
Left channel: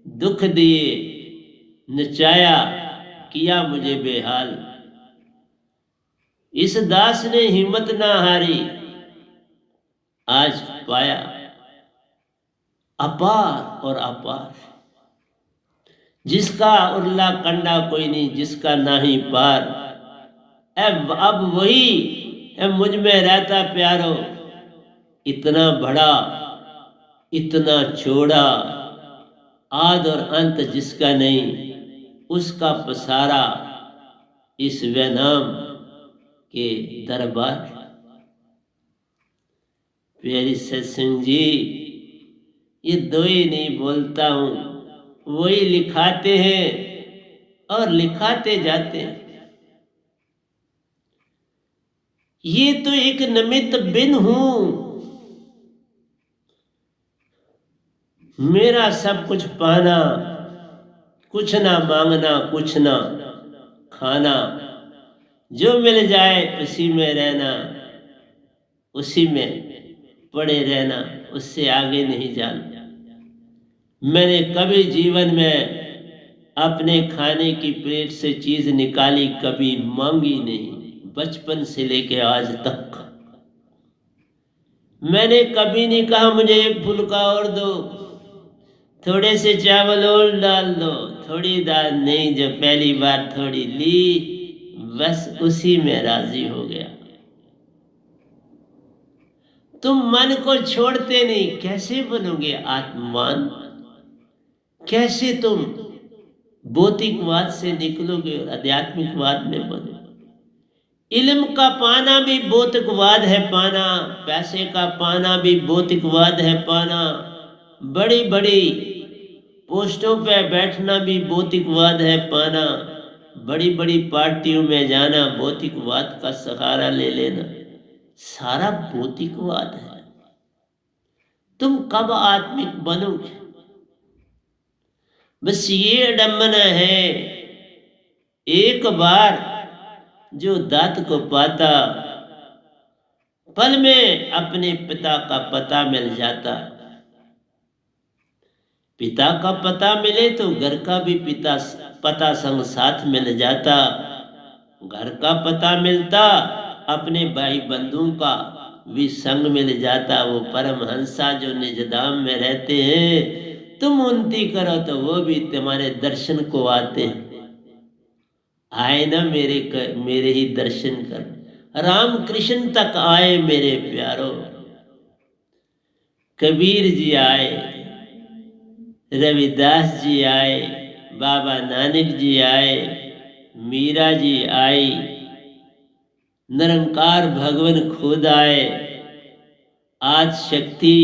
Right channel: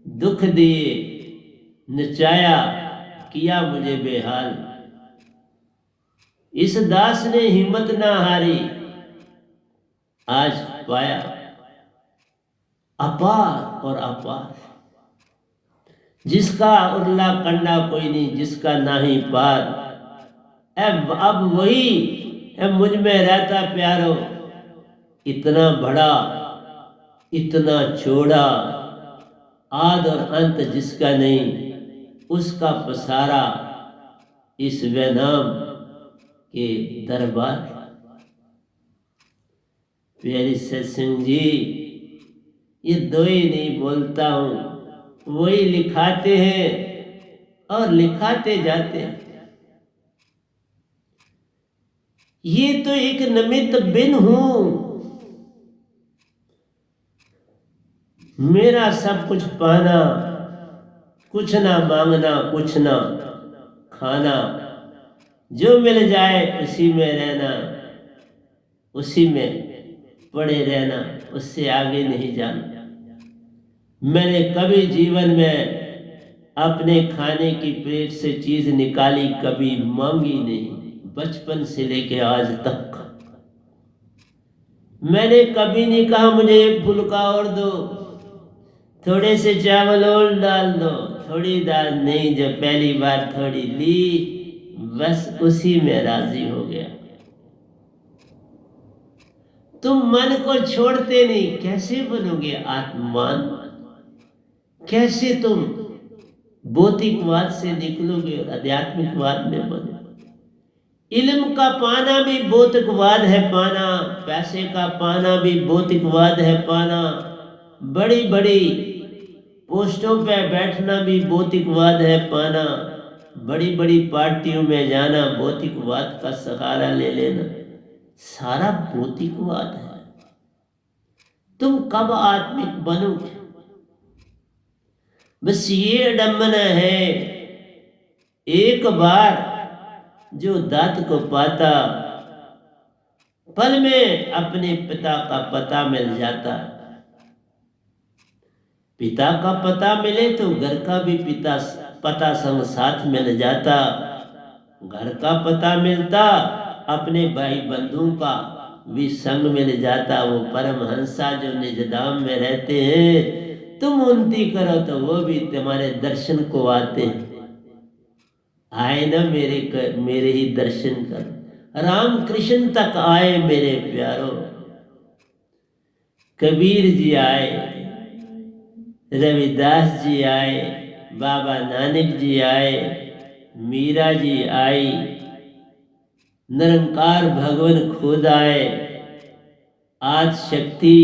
दुख दिए, नचाया, किया मुझे बेहाल। इस दास ने हिम्मत ना हारी, आज पाया अपार और अपार। जिसका उरला कंडा कोई नहीं, जिसका नाही पार। अब वही मुझ में रहता प्यारो, इतना बड़ा इतना चौड़ा, आद और अंत जिसका नहीं, उसका पसारा इस वैनाम के दरबार। प्यारे सत्संग जी, ये दो ही नहीं बोलता हूं, वही लिखाते हैं और लिखाते जाते हैं। ये तो एक निमित्त बिन हूं, मेरा सब कुछ पाना, कुछ ना मांगना, कुछ ना खाना, जो मिल जाए उसी में रहना, उसी में पड़े रहना, उससे आगे नहीं जाना। मैंने कभी जीवन में अपने खाने की प्लेट से चीज निकाली कभी मांगी नहीं, बचपन से लेके आज तक। मैंने कभी नहीं कहा मुझे एक फुल्का और दो, थोड़े से चावल और डाल दो, थोड़ी दाल नहीं, जो पहली बार थोड़ी ली बस उसी में राजी हो गया। तुम मन को छोड़ते नहीं, कैसे बनोगे आत्मान? कैसे तुम भौतिकवाद से निकलोगे और आध्यात्मिकवाद में बनो? इल्म का पाना भी भौतिकवाद है पाना, पैसे का पाना भी भौतिकवाद है पाना, बड़ी बड़ी पोस्टों पे बैठना भी भौतिकवाद है पाना, बड़ी बड़ी पार्टियों में जाना भौतिकवाद का सहारा ले लेना, सारा भौतिकवाद है। तुम कब आत्मिक बनोगे? बस ये अडम्बना है, एक बार जो दात को पाता, पल में अपने पिता का पता मिल जाता। पिता का पता मिले तो घर का भी पिता पता संग साथ मिल जाता। घर का पता मिलता, अपने भाई बंधुओं का भी संग मिल जाता। वो परमहंसा जो निजधाम में रहते हैं, तुम उन्नति करो तो वो भी तुम्हारे दर्शन को आते हैं। आए ना मेरे ही दर्शन कर, राम कृष्ण तक आए मेरे प्यारो। कबीर जी आए, रविदास जी आए, बाबा नानक जी आए, मीरा जी आई, निरंकार भगवान खुद आए। आज शक्ति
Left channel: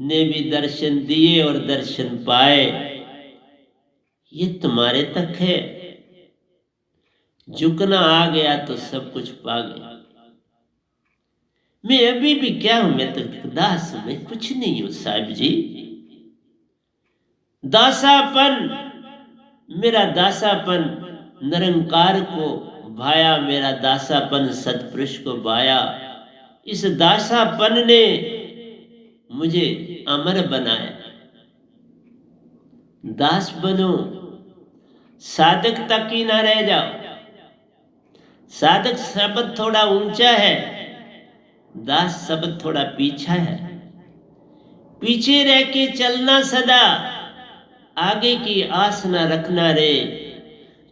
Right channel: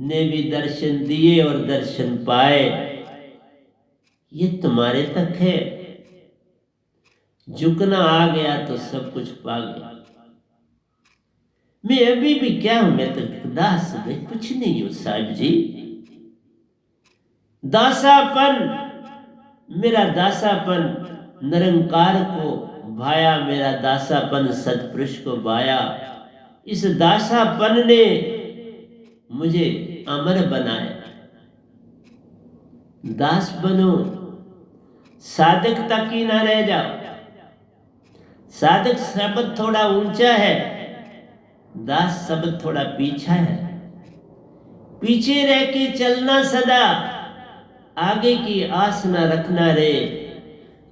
ने भी दर्शन दिए और दर्शन पाए। ये तुम्हारे तक है। झुकना आ गया तो सब कुछ पा गया। मैं अभी भी क्या हूं, मैं तो दास, मैं कुछ नहीं हूं साहब जी। दासापन, मेरा दासापन निरंकार को भाया, मेरा दासापन सतपुरुष को भाया। इस दासापन ने मुझे अमर बनाया। दास बनो, साधक तक ही ना रह जाओ। साधक शब्द थोड़ा ऊंचा है, दास शब्द थोड़ा पीछा है। पीछे रह के चलना सदा, आगे की आस न रखना रे।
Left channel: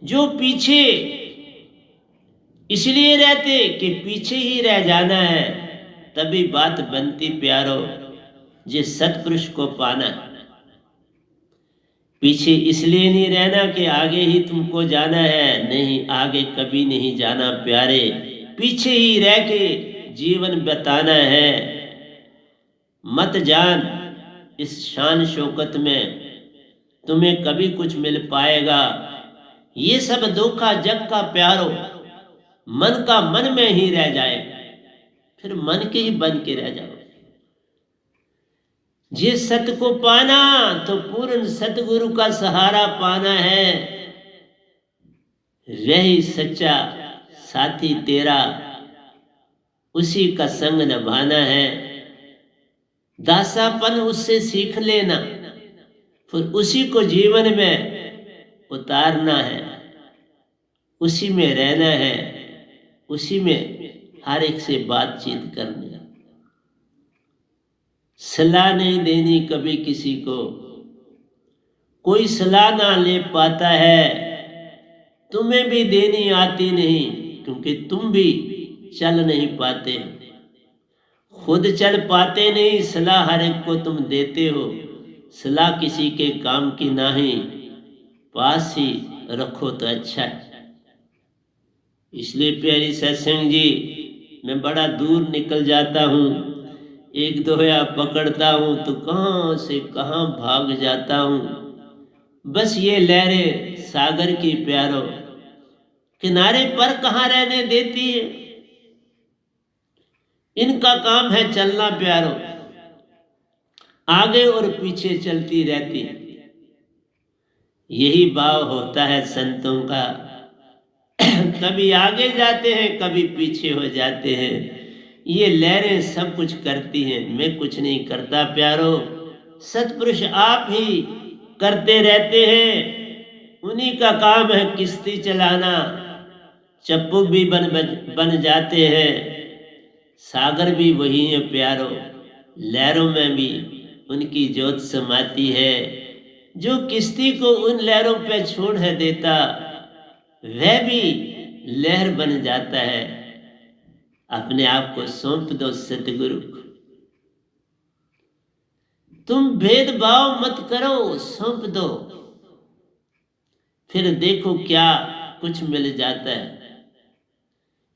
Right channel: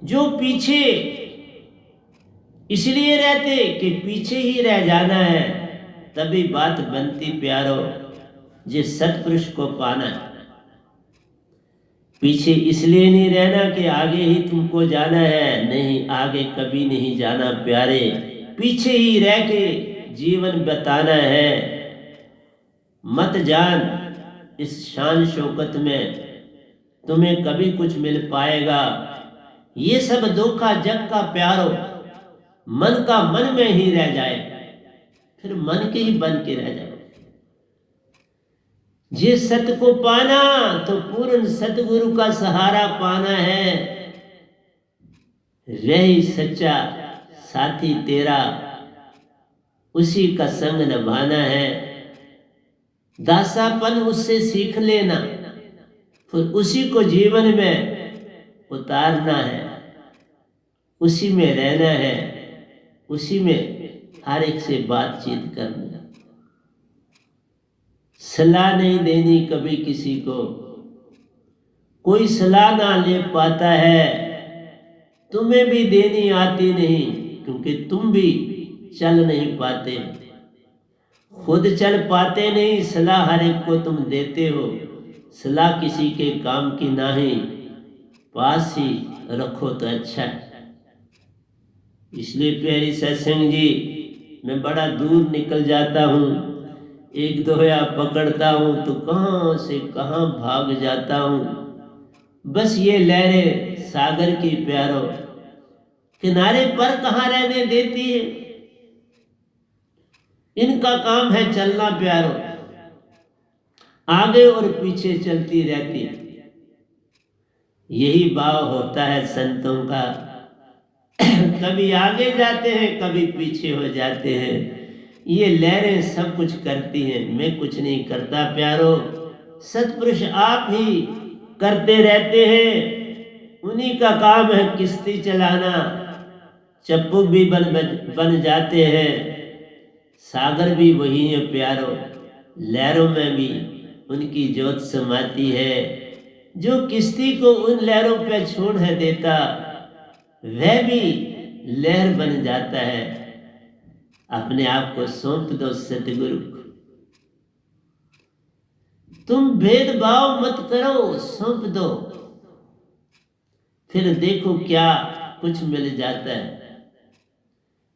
जो पीछे इसलिए रहते कि पीछे ही रह जाना है, तभी बात बनती प्यारो, जिस सतपुरुष को पाना है। पीछे इसलिए नहीं रहना कि आगे ही तुमको जाना है, नहीं, आगे कभी नहीं जाना प्यारे। पीछे ही रह के जीवन बताना है। मत जान इस शान शौकत में तुम्हें कभी कुछ मिल पाएगा। ये सब धोखा जग का प्यारो, मन का मन में ही रह जाए, फिर मन के ही बन के रह जाओ। जिस सत्य को पाना तो पूर्ण सतगुरु का सहारा पाना है। वही सच्चा साथी तेरा, उसी का संग निभाना है। दासापन उससे सीख लेना, फिर उसी को जीवन में उतारना है, उसी में रहना है, उसी में हर एक से बातचीत करना। सलाह नहीं देनी कभी किसी को, कोई सलाह ना ले पाता है। तुम्हें भी देनी आती नहीं, क्योंकि तुम भी चल नहीं पाते, खुद चल पाते नहीं। सलाह हर एक को तुम देते हो, सलाह किसी के काम की नहीं, पास ही रखो तो अच्छा है। इसलिए प्यारी सत्संग जी, मैं बड़ा दूर निकल जाता हूँ, एक दोया पकड़ता हूँ तो कहाँ से कहाँ भाग जाता हूँ। बस ये लहरें सागर की प्यारो, किनारे पर कहाँ रहने देती है। इनका काम है चलना प्यारो, आगे और पीछे चलती रहती। यही भाव होता है संतों का। कभी आगे जाते हैं, कभी पीछे हो जाते हैं। ये लहरें सब कुछ करती हैं, मैं कुछ नहीं करता प्यारो। सतपुरुष आप ही करते रहते हैं। उन्हीं का काम है किश्ती चलाना। चप्पू भी बन जाते हैं, सागर भी वही है प्यारो। लहरों में भी उनकी ज्योत समाती है। जो किश्ती को उन लहरों पे छोड़ है देता, वह भी लहर बन जाता है। अपने आप को सौंप दो सतगुरु को। तुम भेदभाव मत करो, सौंप दो, फिर देखो क्या कुछ मिल जाता है।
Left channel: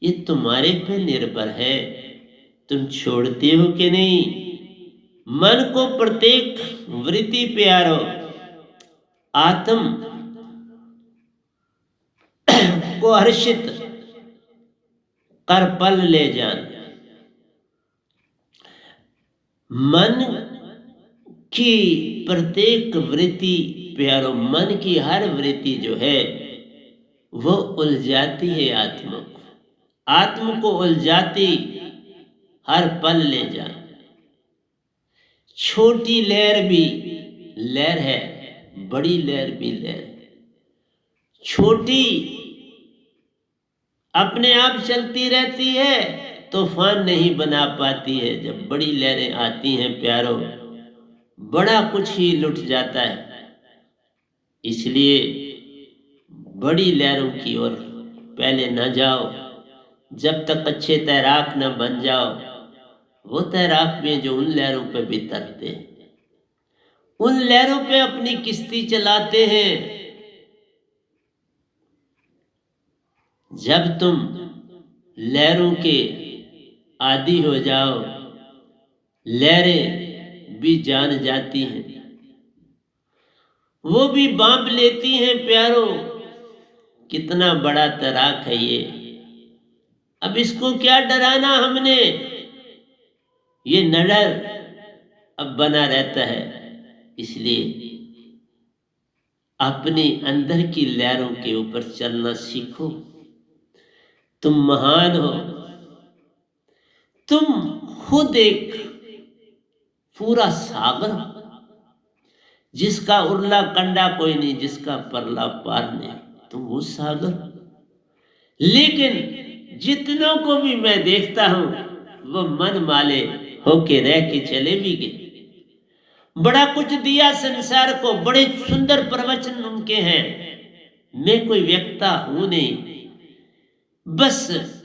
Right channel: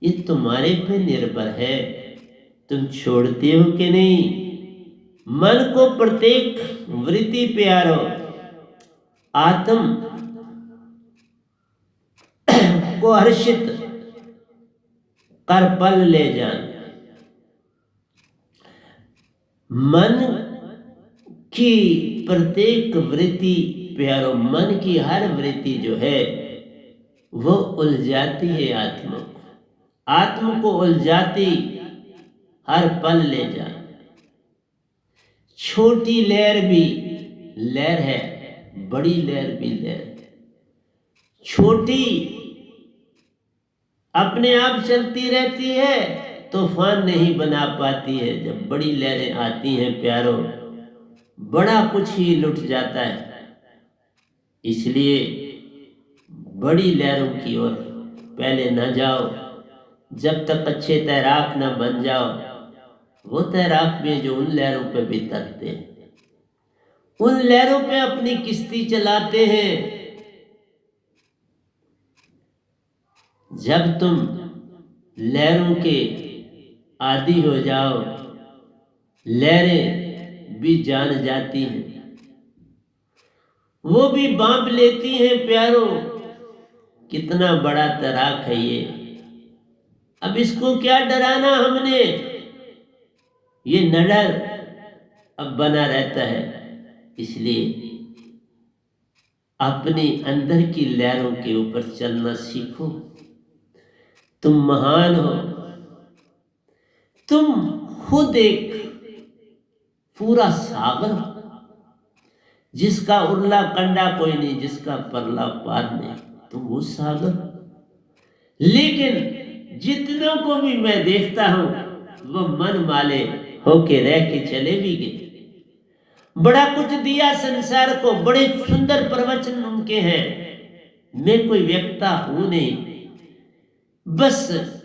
ये तुम्हारे पे निर्भर है, तुम छोड़ते हो कि नहीं। मन को प्रत्येक वृत्ति प्यारो, आत्म को हर्षित कर पल ले जान। मन की प्रत्येक वृत्ति प्यारो, मन की हर वृत्ति जो है वो उलझाती है आत्मा को। आत्मा को उलझाती हर पल ले जा। छोटी लहर भी लहर है, बड़ी लहर भी लहर है। छोटी अपने आप चलती रहती है, तूफान नहीं बना पाती है। जब बड़ी लहरें आती हैं प्यारो, बड़ा कुछ ही लुट जाता है। इसलिए बड़ी लहरों की ओर पहले न जाओ, जब तक अच्छे तैराक न बन जाओ। वो तैराक भी जो उन लहरों पे भी तरते हैं, उन लहरों पे अपनी किश्ती चलाते हैं। जब तुम लहरों के आदी हो जाओ, लहरें भी जान जाती हैं, वो भी बांप लेती हैं प्यारो। कितना बड़ा तैराक है ये, अब इसको क्या डराना हमने। ये न डर अब बना रहता है। इसलिए अपने अंदर की लहरों के ऊपर चलना सीखो। तुम महान हो, तुम खुद एक पूरा सागर हो, जिसका उरला कंडा कोई नहीं, जिसका परला पार नहीं। तुम वो सागर हो। लेकिन जितनों को भी मैं देखता हूं, वो मन माले होके रह के चले भी गए। बड़ा कुछ दिया संसार को, बड़े सुंदर प्रवचन उनके हैं। मैं कोई व्यक्ता हूं नहीं, बस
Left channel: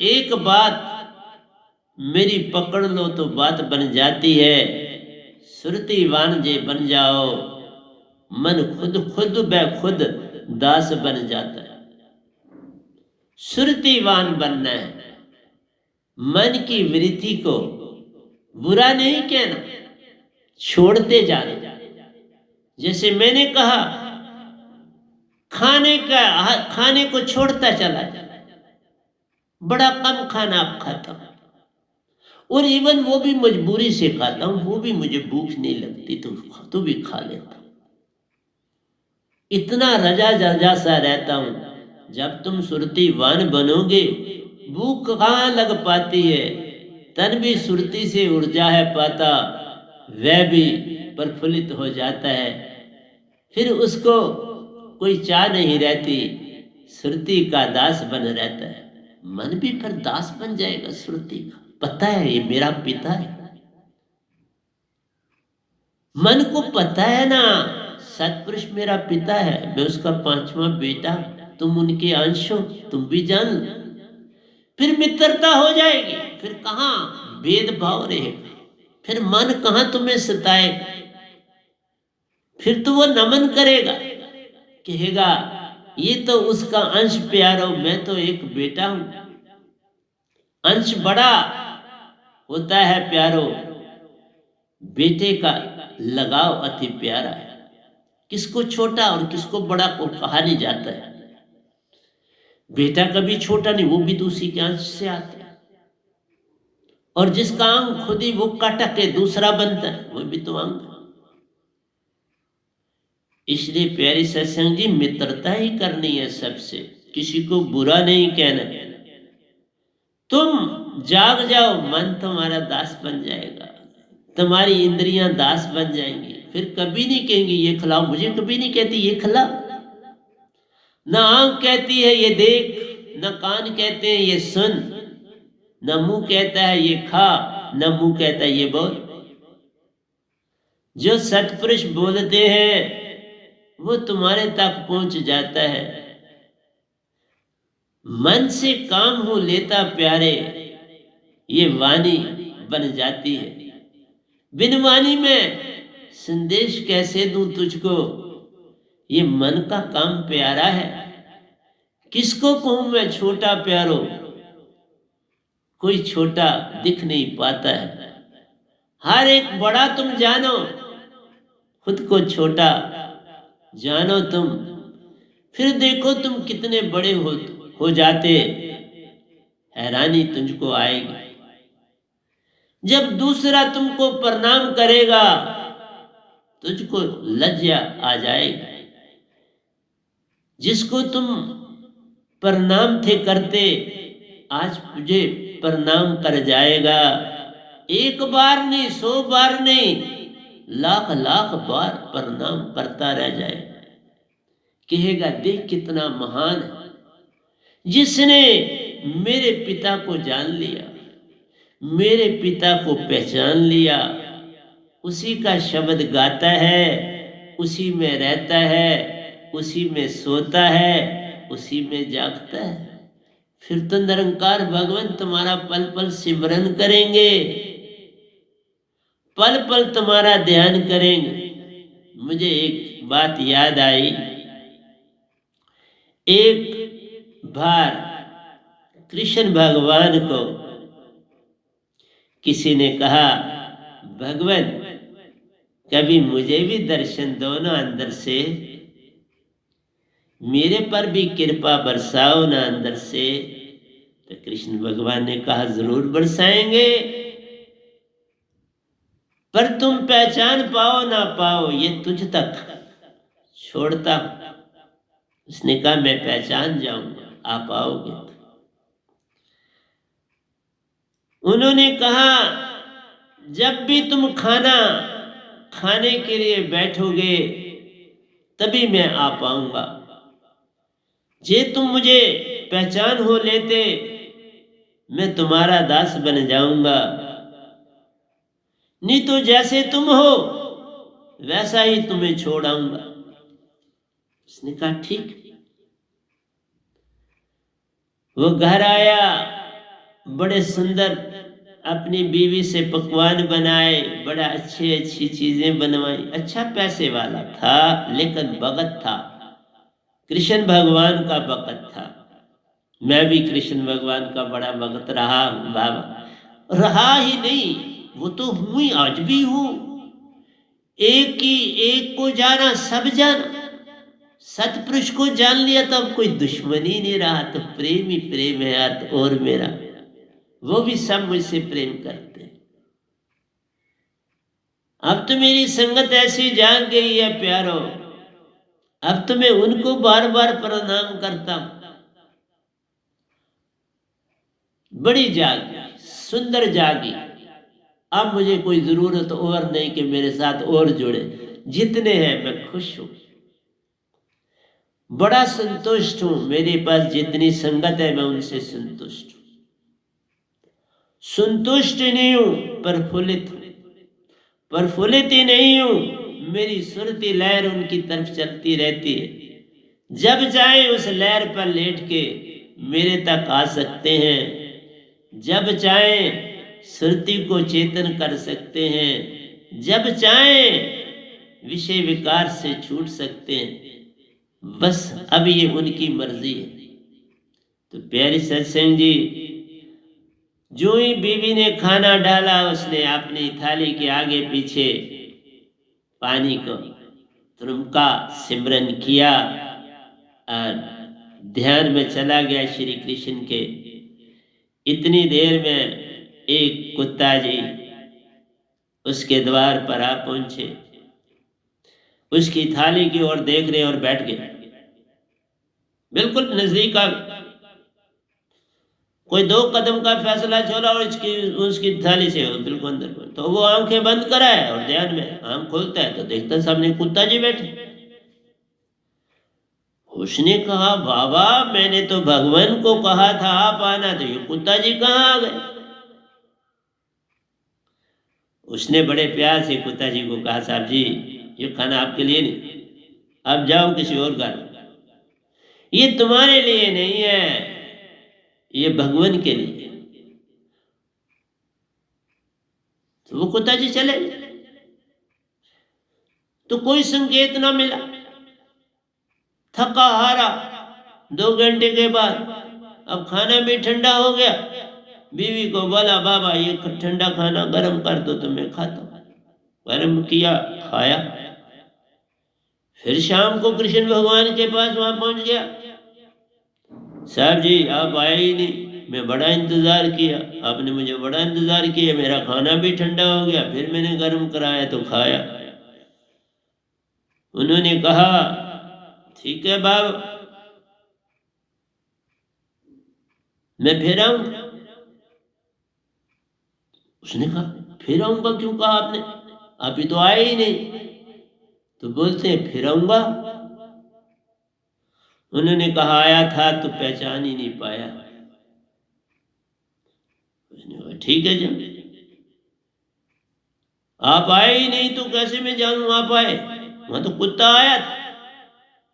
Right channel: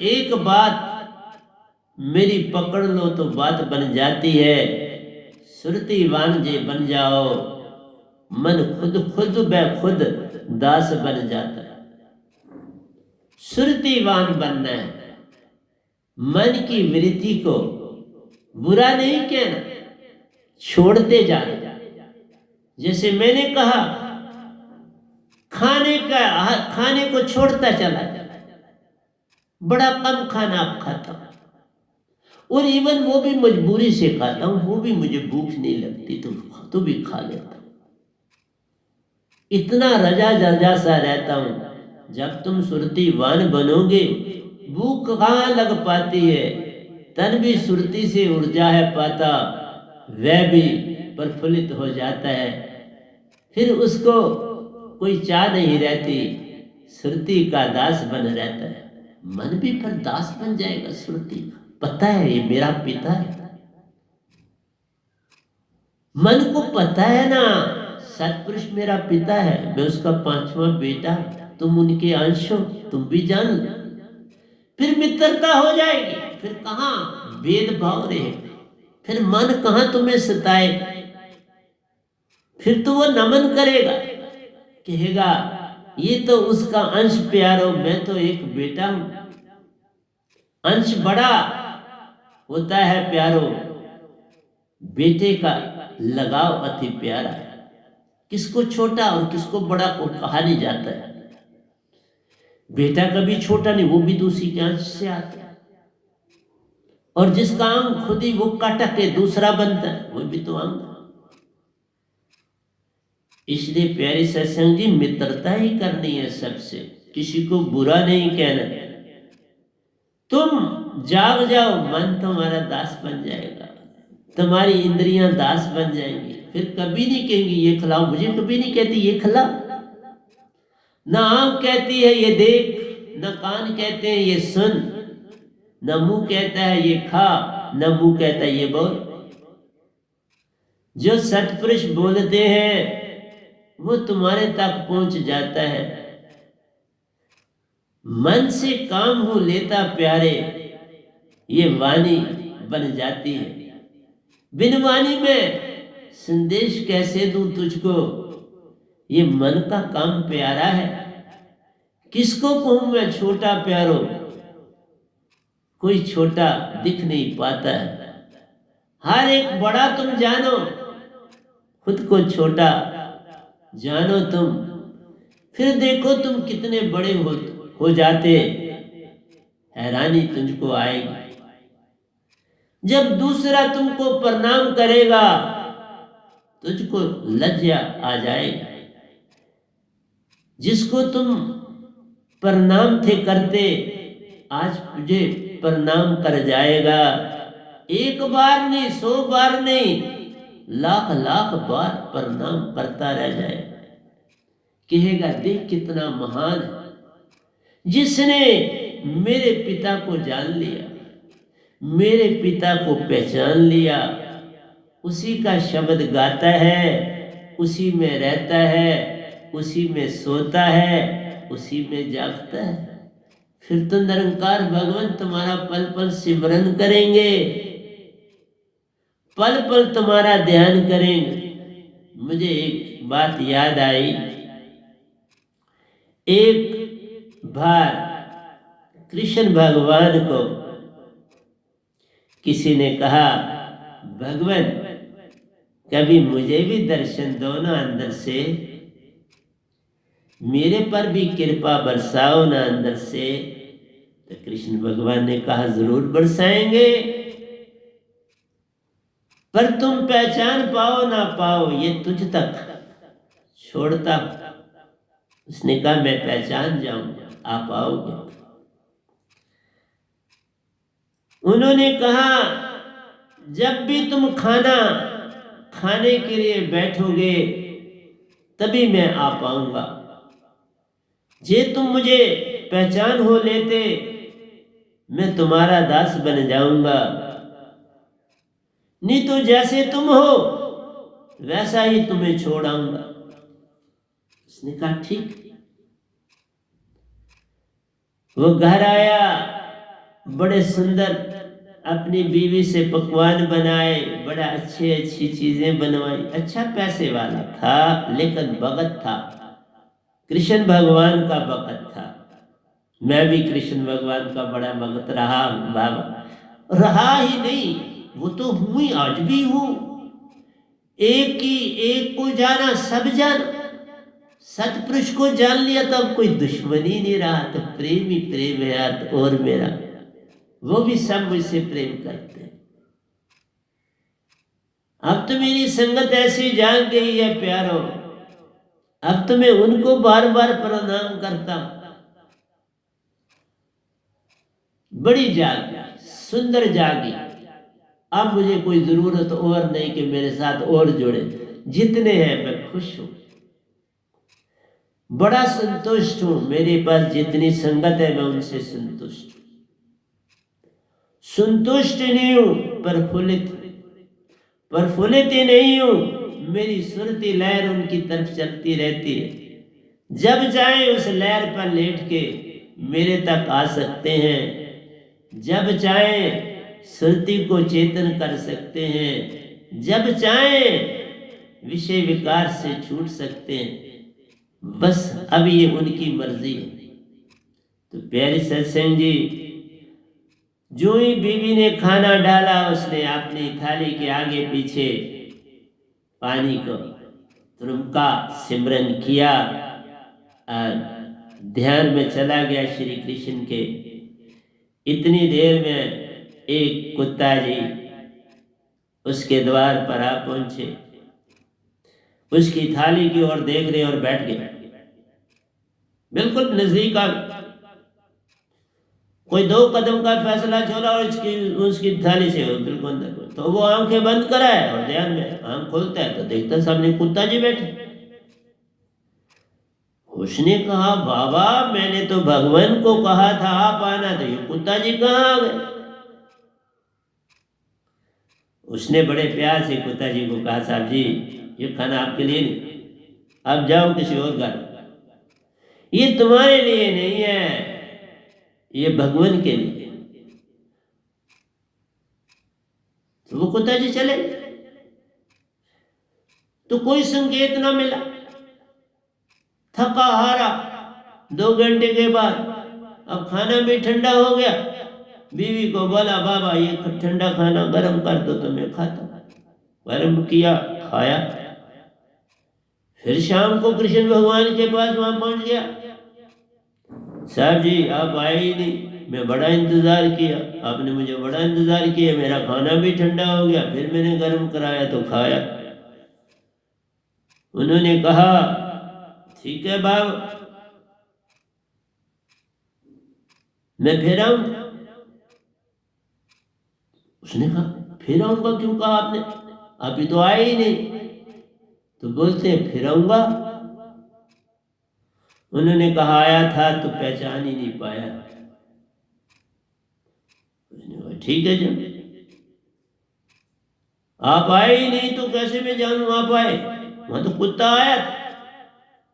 एक बात मेरी पकड़ लो तो बात बन जाती है। सुरतीवान जे बन जाओ, मन खुद खुद ब खुद दास बन जाता है। सुरतीवान बनना है, मन की वृत्ति को बुरा नहीं कहना, छोड़ते जाना। जैसे मैंने कहा, खाने को छोड़ता चला जाए, बड़ा कम खाना अब खाता हूं, और इवन वो भी मजबूरी से खाता हूं। वो भी मुझे भूख नहीं लगती तो भी खा लेता हूं। इतना रजा सा रहता हूं। जब तुम सुरतीवान बनोगे, भूख कहां लग पाती है। तन भी सुरती से ऊर्जा है पाता, वह भी प्रफुल्लित हो जाता है। फिर उसको कोई चाह नहीं रहती, सुरती का दास बन रहता है। मन भी फिर दास बन जाएगा सुरती का। पता है ये मेरा पिता है, मन को पता है ना, सतपुरुष मेरा पिता है, मैं उसका 5वां बेटा, तुम उनके अंश हो, तुम भी जान लो। फिर मित्रता हो जाएगी, फिर कहां भेदभाव रहेगा, फिर मन कहां तुम्हें सताएगा। फिर तो वो नमन करेगा, कहेगा ये तो उसका अंश प्यारो, मैं तो एक बेटा हूं। अंश बड़ा होता है प्यारो, बेटे का लगाव अति प्यारा है। किसको छोटा और किसको बड़ा को कहा नहीं जाता है। बेटा कभी छोटा नहीं, वो भी तो उसी के अंश से आता है। और जिसका अंग खुद ही वो कटक के दूसरा बनता है, वो भी तो अंग। इसलिए प्यारी सत्संग जी, मित्रता ही करनी है सबसे, किसी को बुरा नहीं कहना। तुम जाग जाओ, मन तुम्हारा दास बन जाएगा, तुम्हारी इंद्रियां दास बन जाएंगी। फिर कभी नहीं कहेंगी ये खिलाओ, मुझे कभी नहीं कहती ये खिला। न आंख कहती है ये देख, न कान कहते हैं ये सुन, न मुंह कहता है ये खा, न मुंह कहता है ये बोल। जो सतपुरुष बोलते हैं वो तुम्हारे तक पहुंच जाता है। मन से काम हो लेता प्यारे, ये वाणी बन जाती है। बिन वाणी में संदेश कैसे दूं तुझको, ये मन का काम प्यारा है। किसको कहूं मैं छोटा प्यारो, कोई छोटा दिख नहीं पाता है। हर एक बड़ा तुम जानो, खुद को छोटा जानो तुम। फिर देखो तुम कितने बड़े हो जाते, हैरानी तुझको आएगी। जब दूसरा तुमको प्रणाम करेगा, तुझको लज्जा आ जाएगी। जिसको तुम प्रणाम थे करते, आज तुझे प्रणाम कर जाएगा। एक बार नहीं, 100 बार नहीं, लाख लाख बार प्रणाम करता रह जाएगा। कहेगा देख कितना महान है, जिसने मेरे पिता को जान लिया, मेरे पिता को पहचान लिया, उसी का शब्द गाता है, उसी में रहता है, उसी में सोता है, उसी में जागता है, फिर तो निरंकार भगवान तुम्हारा पल पल सिमरन करेंगे, पल पल तुम्हारा ध्यान करेंगे। मुझे एक बात याद आई, एक बार कृष्ण भगवान को किसी ने कहा, भगवान कभी मुझे भी दर्शन दो ना अंदर से, मेरे पर भी कृपा बरसाओ ना अंदर से। तो कृष्ण भगवान ने कहा, जरूर बरसाएंगे, पर तुम पहचान पाओ ना पाओ ये तुझ तक छोड़ता हूं। उसने कहा, मैं पहचान जाऊंगा, आप आओगे। उन्होंने कहा, जब भी तुम खाना खाने के लिए बैठोगे तभी मैं आ पाऊंगा। जे तुम मुझे पहचान हो लेते, मैं तुम्हारा दास बन जाऊंगा, नहीं तो जैसे तुम हो वैसा ही तुम्हें छोड़ आऊंगा। उसने कहा, ठीक। वो घर आया, बड़े सुंदर अपनी बीवी से पकवान बनाए, बड़ा अच्छी चीजें बनवाई। अच्छा पैसे वाला था, लेकिन भगत था, कृष्ण भगवान का भगत था। मैं भी कृष्ण भगवान का बड़ा भगत रहा हूं बाबा, रहा ही नहीं, वो तो हूं ही, आज भी हूं। एक को जाना सब जान, सतपुरुष को जान लिया तो अब कोई दुश्मनी नहीं रहा, तो प्रेम ही प्रेम है यार। तो और मेरा वो भी सब मुझसे प्रेम करते हैं। अब तो मेरी संगत ऐसी जाग गई है प्यारो, अब तो मैं उनको बार बार प्रणाम करता हूं। बड़ी जागी, सुंदर जागी। अब मुझे कोई जरूरत और नहीं कि मेरे साथ और जुड़े, जितने हैं मैं खुश हूं, बड़ा संतुष्ट हूं। मेरे पास जितनी संगत है मैं उनसे संतुष्ट हूं। संतुष्ट नहीं हूं, प्रफुल्लित ही नहीं हूं। मेरी सुरती लहर उनकी तरफ चलती रहती है, जब चाहे उस लहर पर लेट के मेरे तक आ सकते हैं, जब चाहे सुरती को चेतन कर सकते हैं, जब चाहे विषय विकार से छूट सकते हैं। बस अब ये उनकी मर्जी है। तो प्यारी सत्संग जी, जो ही बीवी ने खाना डाला, उसने अपनी थाली के आगे पीछे पानी को तुरंका सिमरन किया और ध्यान में चला गया श्री कृष्ण के। इतनी देर में एक कुत्ता जी उसके द्वार पर आ पहुंचे, उसकी थाली की ओर देख रहे और बैठ गए, बिल्कुल नजदीक आ। कोई 2 कदम का फैसला छोड़ा और उसकी थाली से बिल्कुल अंदर, तो वो आंखें बंद कराए और ध्यान में आंख खोलता है तो देखता सामने कुत्ता जी बैठे। उसने कहा, बाबा मैंने तो भगवान को कहा था आप आना, तो ये कुत्ता जी कहाँ आ गए? उसने बड़े प्यार से कुत्ता जी को कहा, साहब जी ये खाना आपके लिए नहीं, आप जाओ किसी और घर, ये तुम्हारे लिए नहीं है, ये भगवान के लिए। तो वो कुत्ता जी चले, तो कोई संकेत ना मिला। थका हारा 2 घंटे के बाद अब खाना भी ठंडा हो गया। बीवी को बोला, बाबा ये ठंडा खाना गर्म कर दो तो मैं खाता हूं। गर्म किया, खाया। फिर शाम को कृष्ण भगवान के पास वहां पहुंच गया। साहब जी आप आए ही नहीं, मैं बड़ा इंतजार किया, आपने मुझे बड़ा इंतजार किया, मेरा खाना भी ठंडा हो गया, फिर मैंने गर्म कराया तो खाया। उन्होंने कहा, ठीक है बाबा, मैं फिर आऊंगा। उसने कहा, फिर आऊंगा क्यों कहा आपने, अभी तो आए ही नहीं। तो बोलते हैं फिर आऊंगा। उन्होंने कहा, आया था तो पहचान ही नहीं पाया, ठीक है जी, आप आए ही नहीं तो कैसे मैं जाऊं आप आए? वहां तो कुत्ता आया था,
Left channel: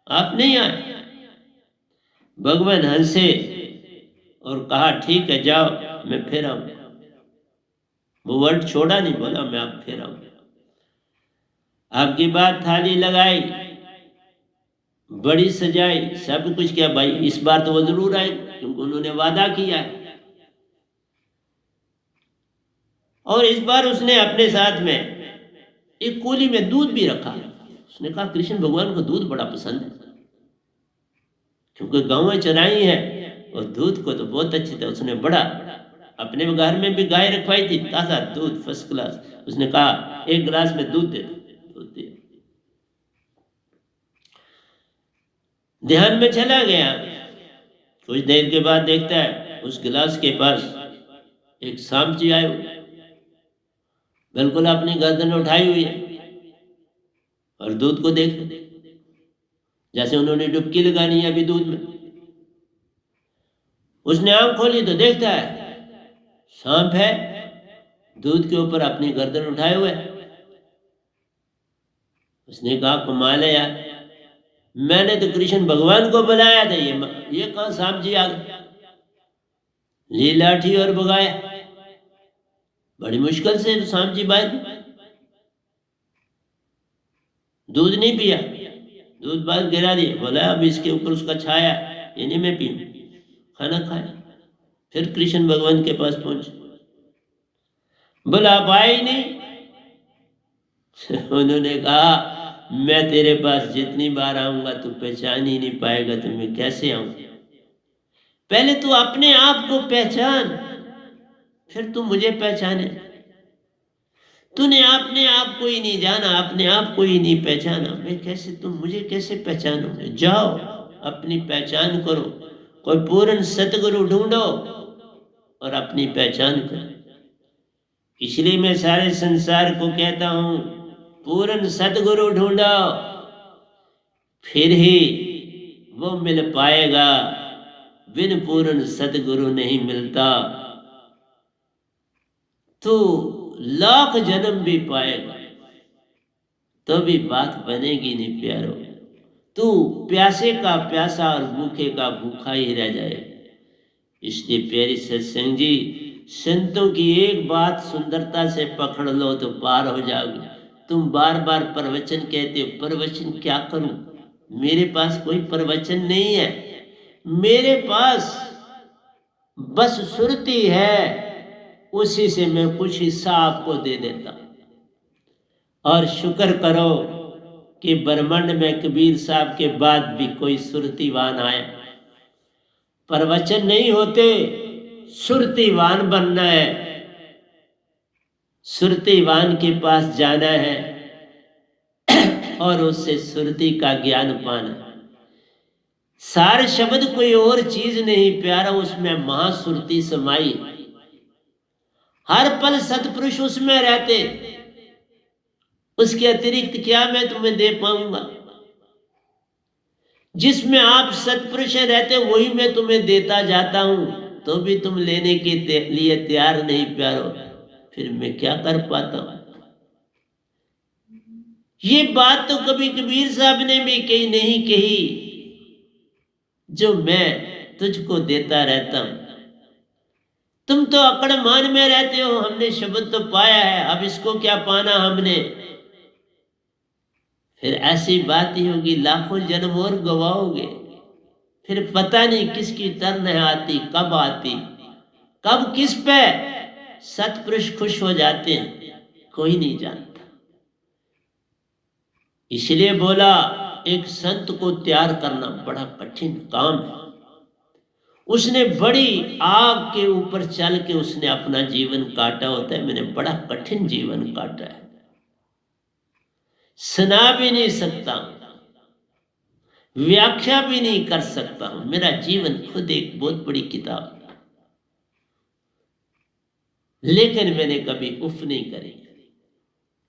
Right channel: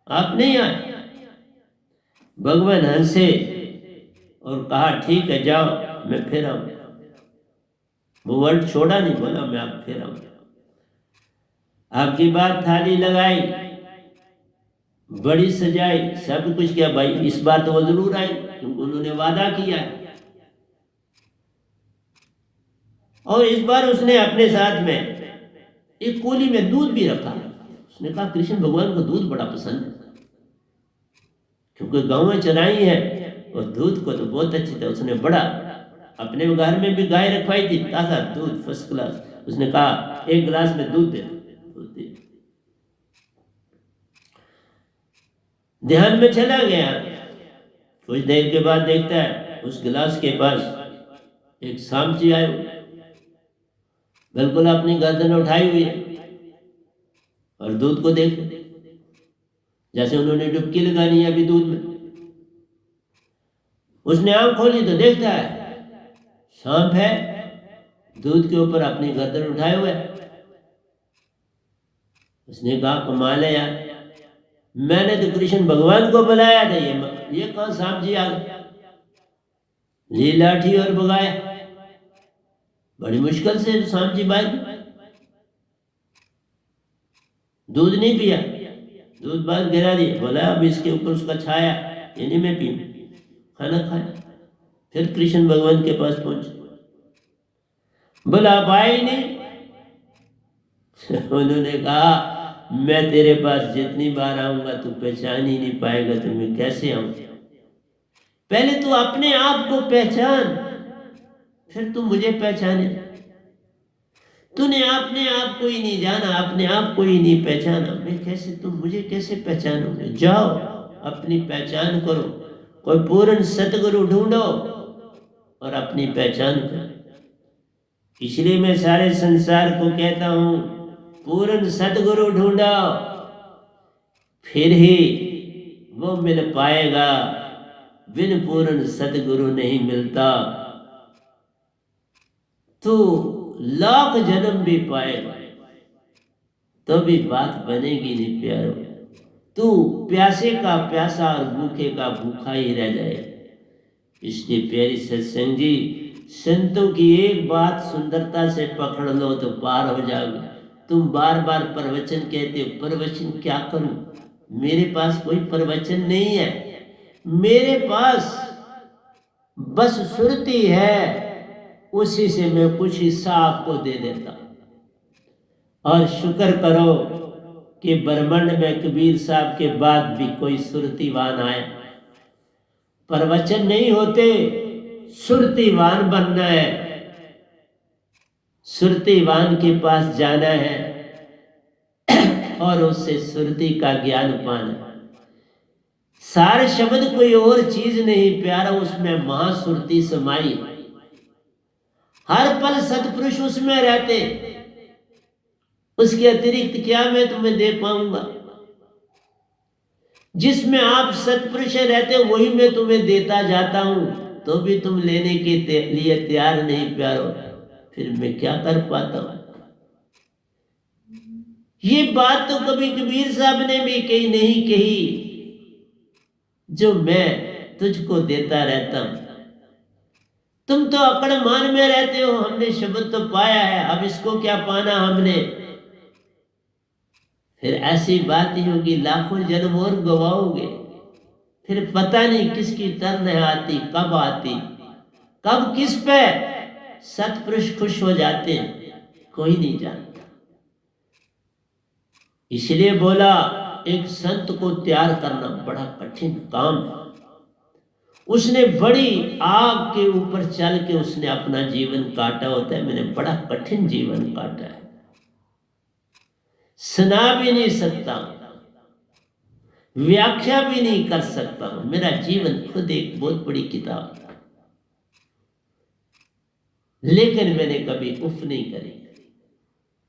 आप नहीं आए। भगवान हंसे और कहा ठीक है जाओ, मैं फिर आऊं। वो वर्ड छोड़ा नहीं, बोला मैं आप फिर आऊं। आपकी बात थाली लगाई, बड़ी सजाई, सब कुछ किया। भाई इस बार तो वो जरूर आए क्योंकि उन्होंने वादा किया है। और इस बार उसने अपने साथ में एक कोली में दूध भी रखा। उसने कहा कृष्ण भगवान को दूध बड़ा पसंद है, क्योंकि गांवें चराई है और दूध को तो बहुत अच्छी तरह उसने बड़ा, अपने घर में भी गाय रखवाई थी, ताजा दूध फर्स्ट क्लास। उसने कहा एक गिलास में दूध दे दो, दूध दे। ध्यान में चला गया। कुछ देर के बाद देखता है उस गिलास के पास एक सांप जी आए, बिल्कुल अपनी गर्दन उठाई हुई है और दूध को देख जैसे उन्होंने डुबकी लगानी है अभी दूध में। उसने आंख खोली तो देखता है सांप है, दूध के ऊपर अपनी गर्दन उठाए हुए। उसने कहा कमाल है यार, मैंने तो कृष्ण भगवान को बुलाया था, ये कहां सांप जी आ गए। ली लाठी और भगाया, बड़ी मुश्किल से सांप जी बाहर। दूध नहीं पिया, दूध बाहर गिरा दिया। बोला अब इसके ऊपर उसका छाया, ये नहीं मैं पीऊं। खाना खाया, फिर कृष्ण भगवान के पास पहुंचे। बोला आप आए ही नहीं। उन्होंने कहा मैं तेरे पास जितनी बार आऊंगा तू पहचान ही नहीं पाएगा, तो मैं कैसे आऊं? पहले तू अपने आप को पहचान, फिर तू मुझे पहचाने। तूने अपने आप को ही नहीं जाना, अपने आप को ही नहीं पहचाना, मैं कैसे, तुम मुझे कैसे पहचानोगे? जाओ अपनी पहचान करो, कोई पूर्ण सतगुरु ढूंढो और अपनी पहचान करो। इसलिए मैं सारे संसार को कहता हूं पूर्ण सतगुरु ढूंढो, फिर ही वो मिल पाएगा, बिन पूर्ण सतगुरु नहीं मिलता। तू लाख जन्म भी पाएगा तो भी बात बनेगी नहीं प्यारो। तू प्यासे का प्यासा और भूखे का भूखा ही रह जाए। इसलिए प्यारी सत्संग जी, संतों की एक बात सुंदरता से पकड़ लो तो पार हो जाओगे। तुम बार बार प्रवचन कहते हो, प्रवचन क्या करूं? मेरे पास कोई प्रवचन नहीं है, मेरे पास बस सुरती है, उसी से मैं कुछ हिस्सा आपको दे देता। और शुक्र करो कि ब्रह्मांड में कबीर साहब के बाद भी कोई सुरतीवान आया। प्रवचन नहीं होते, सुरतीवान बनना है, सुरतीवान के पास जाना है और उससे सुरती का ज्ञान पाना। सार शब्द कोई और चीज नहीं प्यारा, उसमें महासुरती समाई। हर पल सतपुरुष उसमें रहते, उसके अतिरिक्त क्या मैं तुम्हें दे पाऊंगा? जिसमें आप सतपुरुष रहते हो वही मैं तुम्हें देता जाता हूं, तो भी तुम लेने के लिए तैयार नहीं प्यारो, फिर मैं क्या कर पाता हूं? ये बात तो कभी कबीर साहब ने भी कही नहीं कही, जो मैं तुझको देता रहता हूं। तुम तो अकड़ मान में रहते हो, हमने शब्द तो पाया है, अब इसको क्या पाना हमने? फिर ऐसी बात ही होगी, लाखों जन्म और गवाओगे, फिर पता नहीं किसकी टर्न है आती, कब आती, कब किस पे सतपुरुष खुश हो जाते हैं, कोई नहीं जानता। इसलिए बोला एक संत को तैयार करना बड़ा कठिन काम है। उसने बड़ी आग के ऊपर चल के उसने अपना जीवन काटा होता है। मैंने बड़ा कठिन जीवन काटा है, सुना भी नहीं सकता, व्याख्या भी नहीं कर सकता। मेरा जीवन खुद एक बहुत बड़ी किताब है, लेकिन मैंने कभी उफ नहीं करी,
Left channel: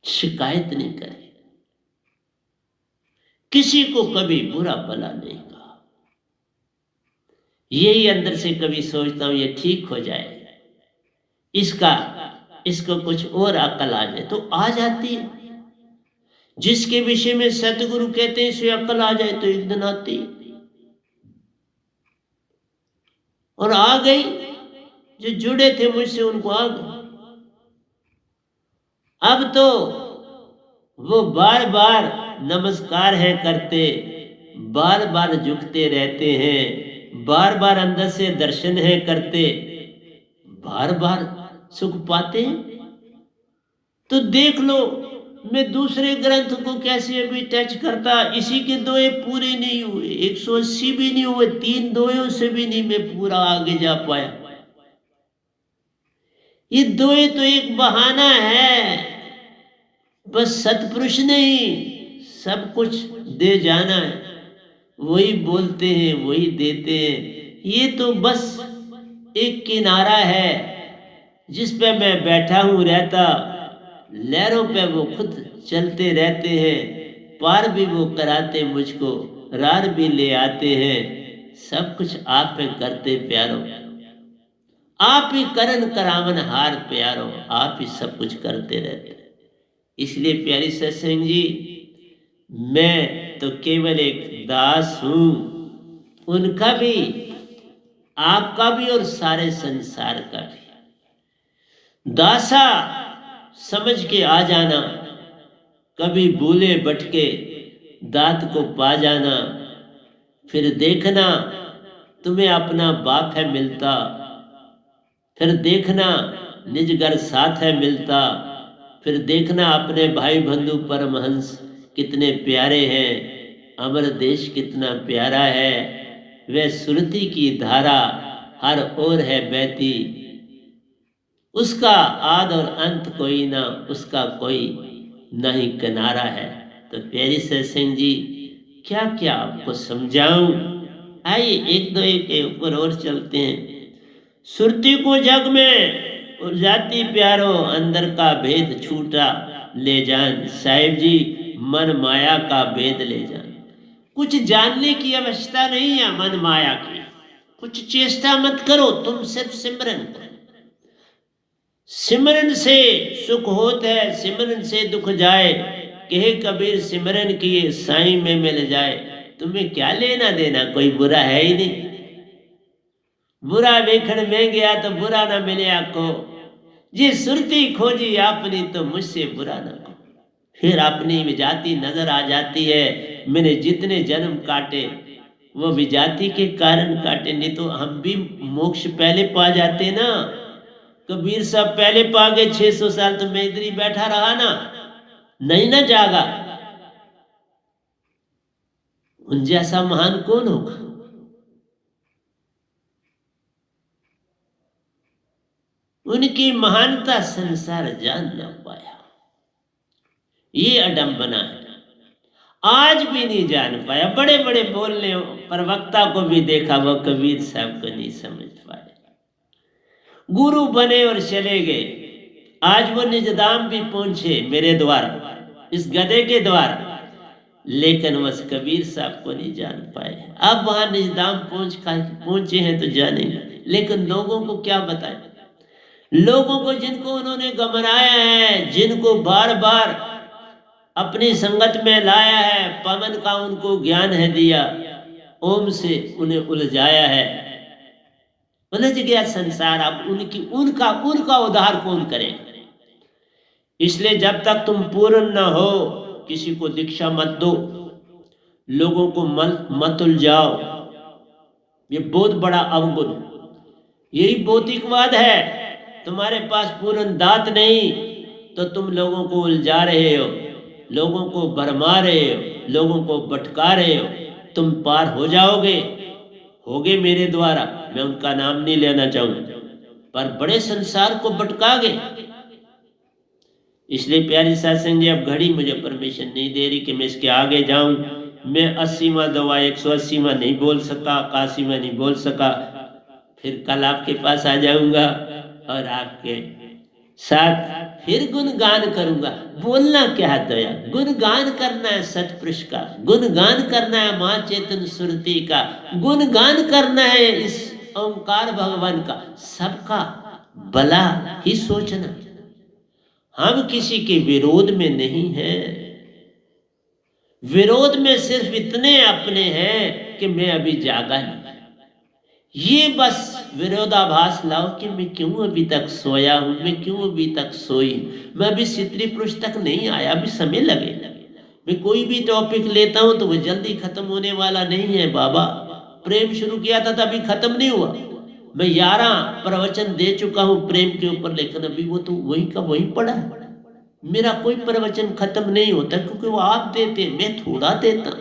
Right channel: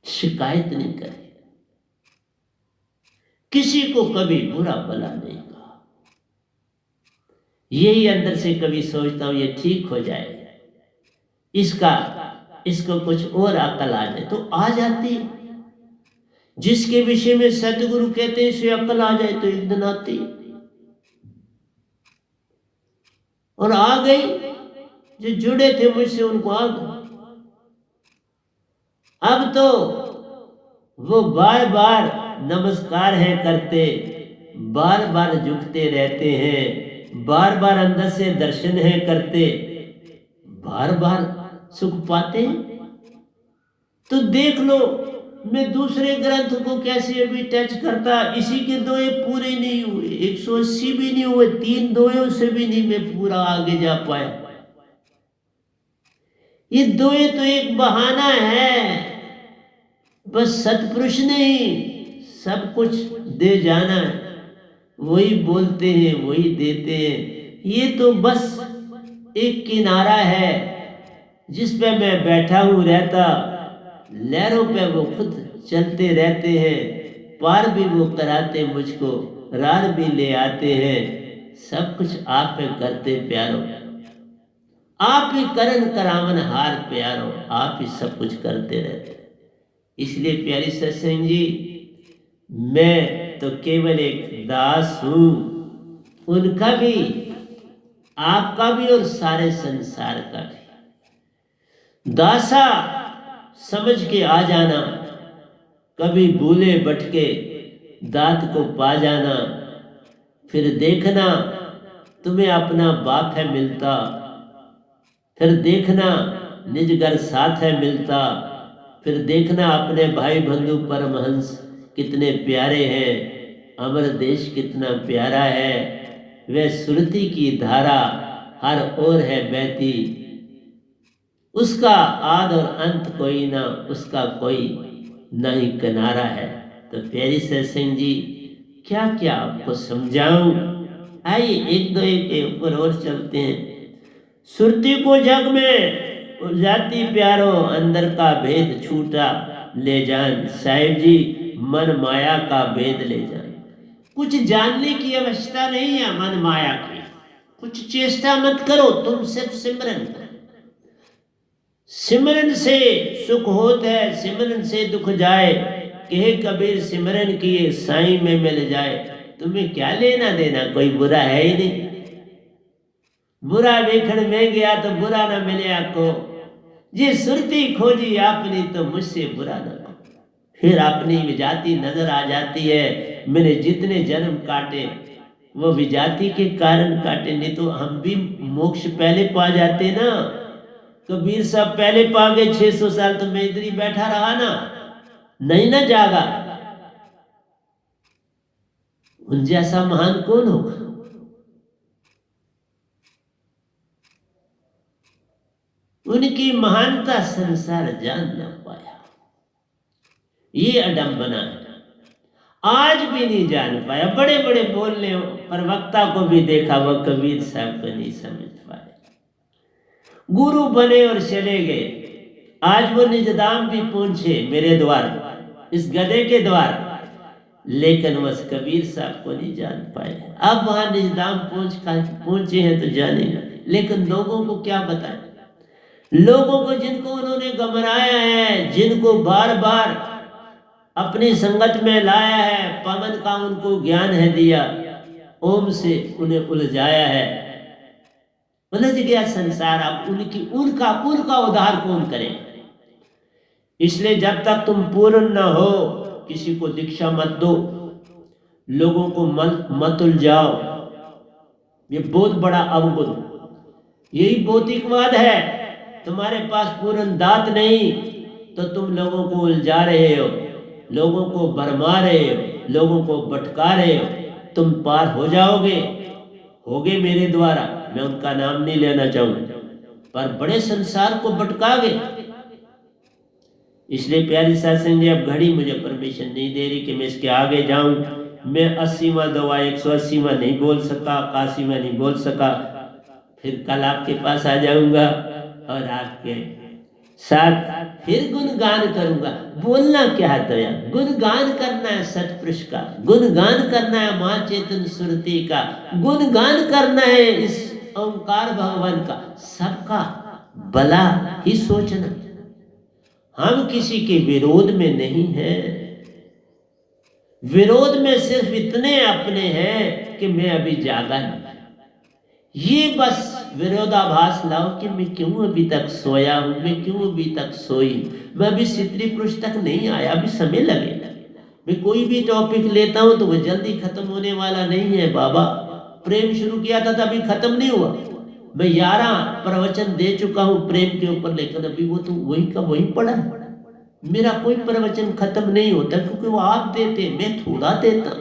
शिकायत नहीं करी, किसी को कभी बुरा भला नहीं कहा। यही अंदर से कभी सोचता हूं ये ठीक हो जाए, इसको कुछ और अकल आ जाए तो आ जाती है। जिसके विषय में सतगुरु कहते हैं इसे अकल आ जाए तो एक दिन आती है, और आ गई। जो जुड़े थे मुझसे उनको आ गई। अब तो वो बार बार नमस्कार है करते, बार बार झुकते रहते हैं, बार बार अंदर से दर्शन है करते, बार बार सुख पाते हैं। तो देख लो, मैं दूसरे ग्रंथ को कैसे अभी टच करता, इसी के दोए पूरे नहीं हुए, 180 भी नहीं हुए, 3 दोयों से भी नहीं मैं पूरा आगे जा पाया। ये दोए तो एक बहाना है, बस सतपुरुष ने ही सब कुछ दे जाना है, वही बोलते हैं वही देते हैं। ये तो बस एक किनारा है जिस पे मैं बैठा हूं रहता, लहरों पे वो खुद चलते रहते हैं, पार भी वो कराते मुझको, रार भी ले आते हैं। सब कुछ आप पे करते प्यारो, आप ही करन करावन हार प्यारो, आप ही सब कुछ करते रहते। इसलिए प्यारी सत्संग जी, मैं तो केवल एक दास हूं, उनका भी, आपका भी और सारे संसार का भी। दासा समझ के आ जाना, कभी भूले भटके दात को पा जाना, फिर देखना तुम्हें अपना बाप है मिलता, फिर देखना निज घर साथ है मिलता, फिर देखना अपने भाई बंधु परमहंस कितने प्यारे हैं, अमर देश कितना प्यारा है, वह सुरती की धारा हर ओर है बहती, उसका आद और अंत कोई ना, उसका कोई नहीं किनारा है। तो प्यारी सत्संग जी, क्या क्या आपको समझाऊं। आइए एक दो एक के ऊपर और चलते हैं। सुरती को जग में उलझाती प्यारो, अंदर का भेद छूटा ले जान, साहिब जी मन माया का भेद ले जान। कुछ जानने की अवस्था नहीं है मन माया की, कुछ चेष्टा मत करो, तुम सिर्फ सिमरन करो। सिमरन से सुख होत है, सिमरन से दुख जाए, कहे कबीर सिमरन किए साईं में मिल जाए। तुम्हें क्या लेना देना, कोई बुरा है ही नहीं। बुरा वेखण में गया तो बुरा ना मिले आपको, जी सुरती खोजी आपने तो मुझसे बुरा ना को। फिर अपनी विजाति नजर आ जाती है। मैंने जितने जन्म काटे वो विजाति के कारण काटे, नहीं तो हम भी मोक्ष पहले पा जाते ना। कबीर साहब पहले पा गए, 600 साल तो मैं इधर ही बैठा रहा ना, नहीं ना जागा। उन जैसा महान कौन होगा। उनकी महानता संसार जान न पाया, ये अडंबना है। आज भी नहीं जान पाया। बड़े बड़े बोलने प्रवक्ता को भी देखा, वो कबीर साहब को नहीं समझ पाए। गुरु बने और चले गए। आज वो निजदाम भी पहुंचे मेरे द्वार, इस गधे के द्वार, लेकिन बस कबीर साहब को नहीं जान पाए। अब वहां निजदाम पहुंचे हैं तो जानेंगे, लेकिन लोगों को क्या बताएं। लोगों को जिनको उन्होंने गमराया है, जिनको बार बार अपनी संगत में लाया है, पवन का उनको ज्ञान है दिया, ओम से उन्हें उलझाया है, उलझ गया संसार। अब उनका उद्धार कौन करेगा। इसलिए जब तक तुम पूर्ण न हो, किसी को दीक्षा मत दो, लोगों को मत उलझाओ। ये बहुत बड़ा अवगुण, यही भौतिकवाद है। तुम्हारे पास पूर्ण दात नहीं तो तुम लोगों को उलझा रहे हो, लोगों को भरमा रहे हो, लोगों को भटका रहे हो। तुम पार हो जाओगे, होगे मेरे द्वारा, मैं उनका नाम नहीं लेना चाहूंगा, पर बड़े संसार को भटका गए। इसलिए प्यारी सत्संग जी, अब घड़ी मुझे परमिशन नहीं दे रही कि मैं इसके आगे जाऊं। मैं 80वां दवा 180वां नहीं बोल सका, 81वां नहीं बोल सका। फिर कल आपके पास आ जाऊंगा और आपके साथ फिर गुणगान करूंगा। बोलना क्या है दया, गुणगान करना है सतपुरुष का, गुणगान करना है मां चेतन सुरती का, गुणगान करना है इस ओंकार भगवान का, सबका। भला ही सोचना। हम किसी के विरोध में नहीं हैं, विरोध में सिर्फ इतने अपने हैं कि मैं अभी जागा नहीं। ये बस विरोधाभास लाओ कि मैं क्यों अभी तक सोया हूं, मैं क्यों अभी तक सोई, मैं अभी स्त्री पुरुष तक नहीं आया, अभी समय लगेगा। मैं कोई भी टॉपिक लेता हूं तो वो जल्दी खत्म होने वाला नहीं है बाबा। प्रेम शुरू किया था तभी खत्म नहीं हुआ। मैं 11 प्रवचन दे चुका हूं प्रेम के ऊपर, लेकिन अभी वो तो वही का वही पड़ा है। मेरा कोई प्रवचन खत्म नहीं होता, क्योंकि वो आप देते, मैं थोड़ा देता।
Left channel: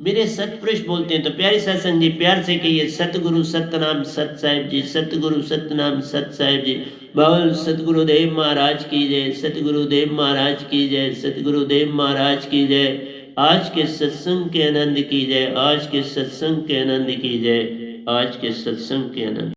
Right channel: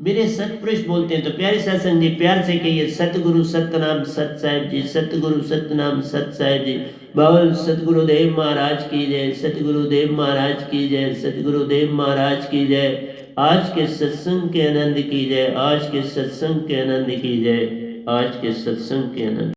मेरे सतपुरुष बोलते हैं तो प्यारे सत्संग जी प्यार से कहिए, सतगुरु सतनाम सत साहिब जी, सतगुरु सतनाम सत साहिब जी। बाबा सतगुरुदेव महाराज की जय, सतगुरुदेव महाराज की जय, सतगुरुदेव महाराज की जय। आज के सत्संग के आनंद की जय, आज के सत्संग के आनंद की जय, आज के सत्संग के आनंद।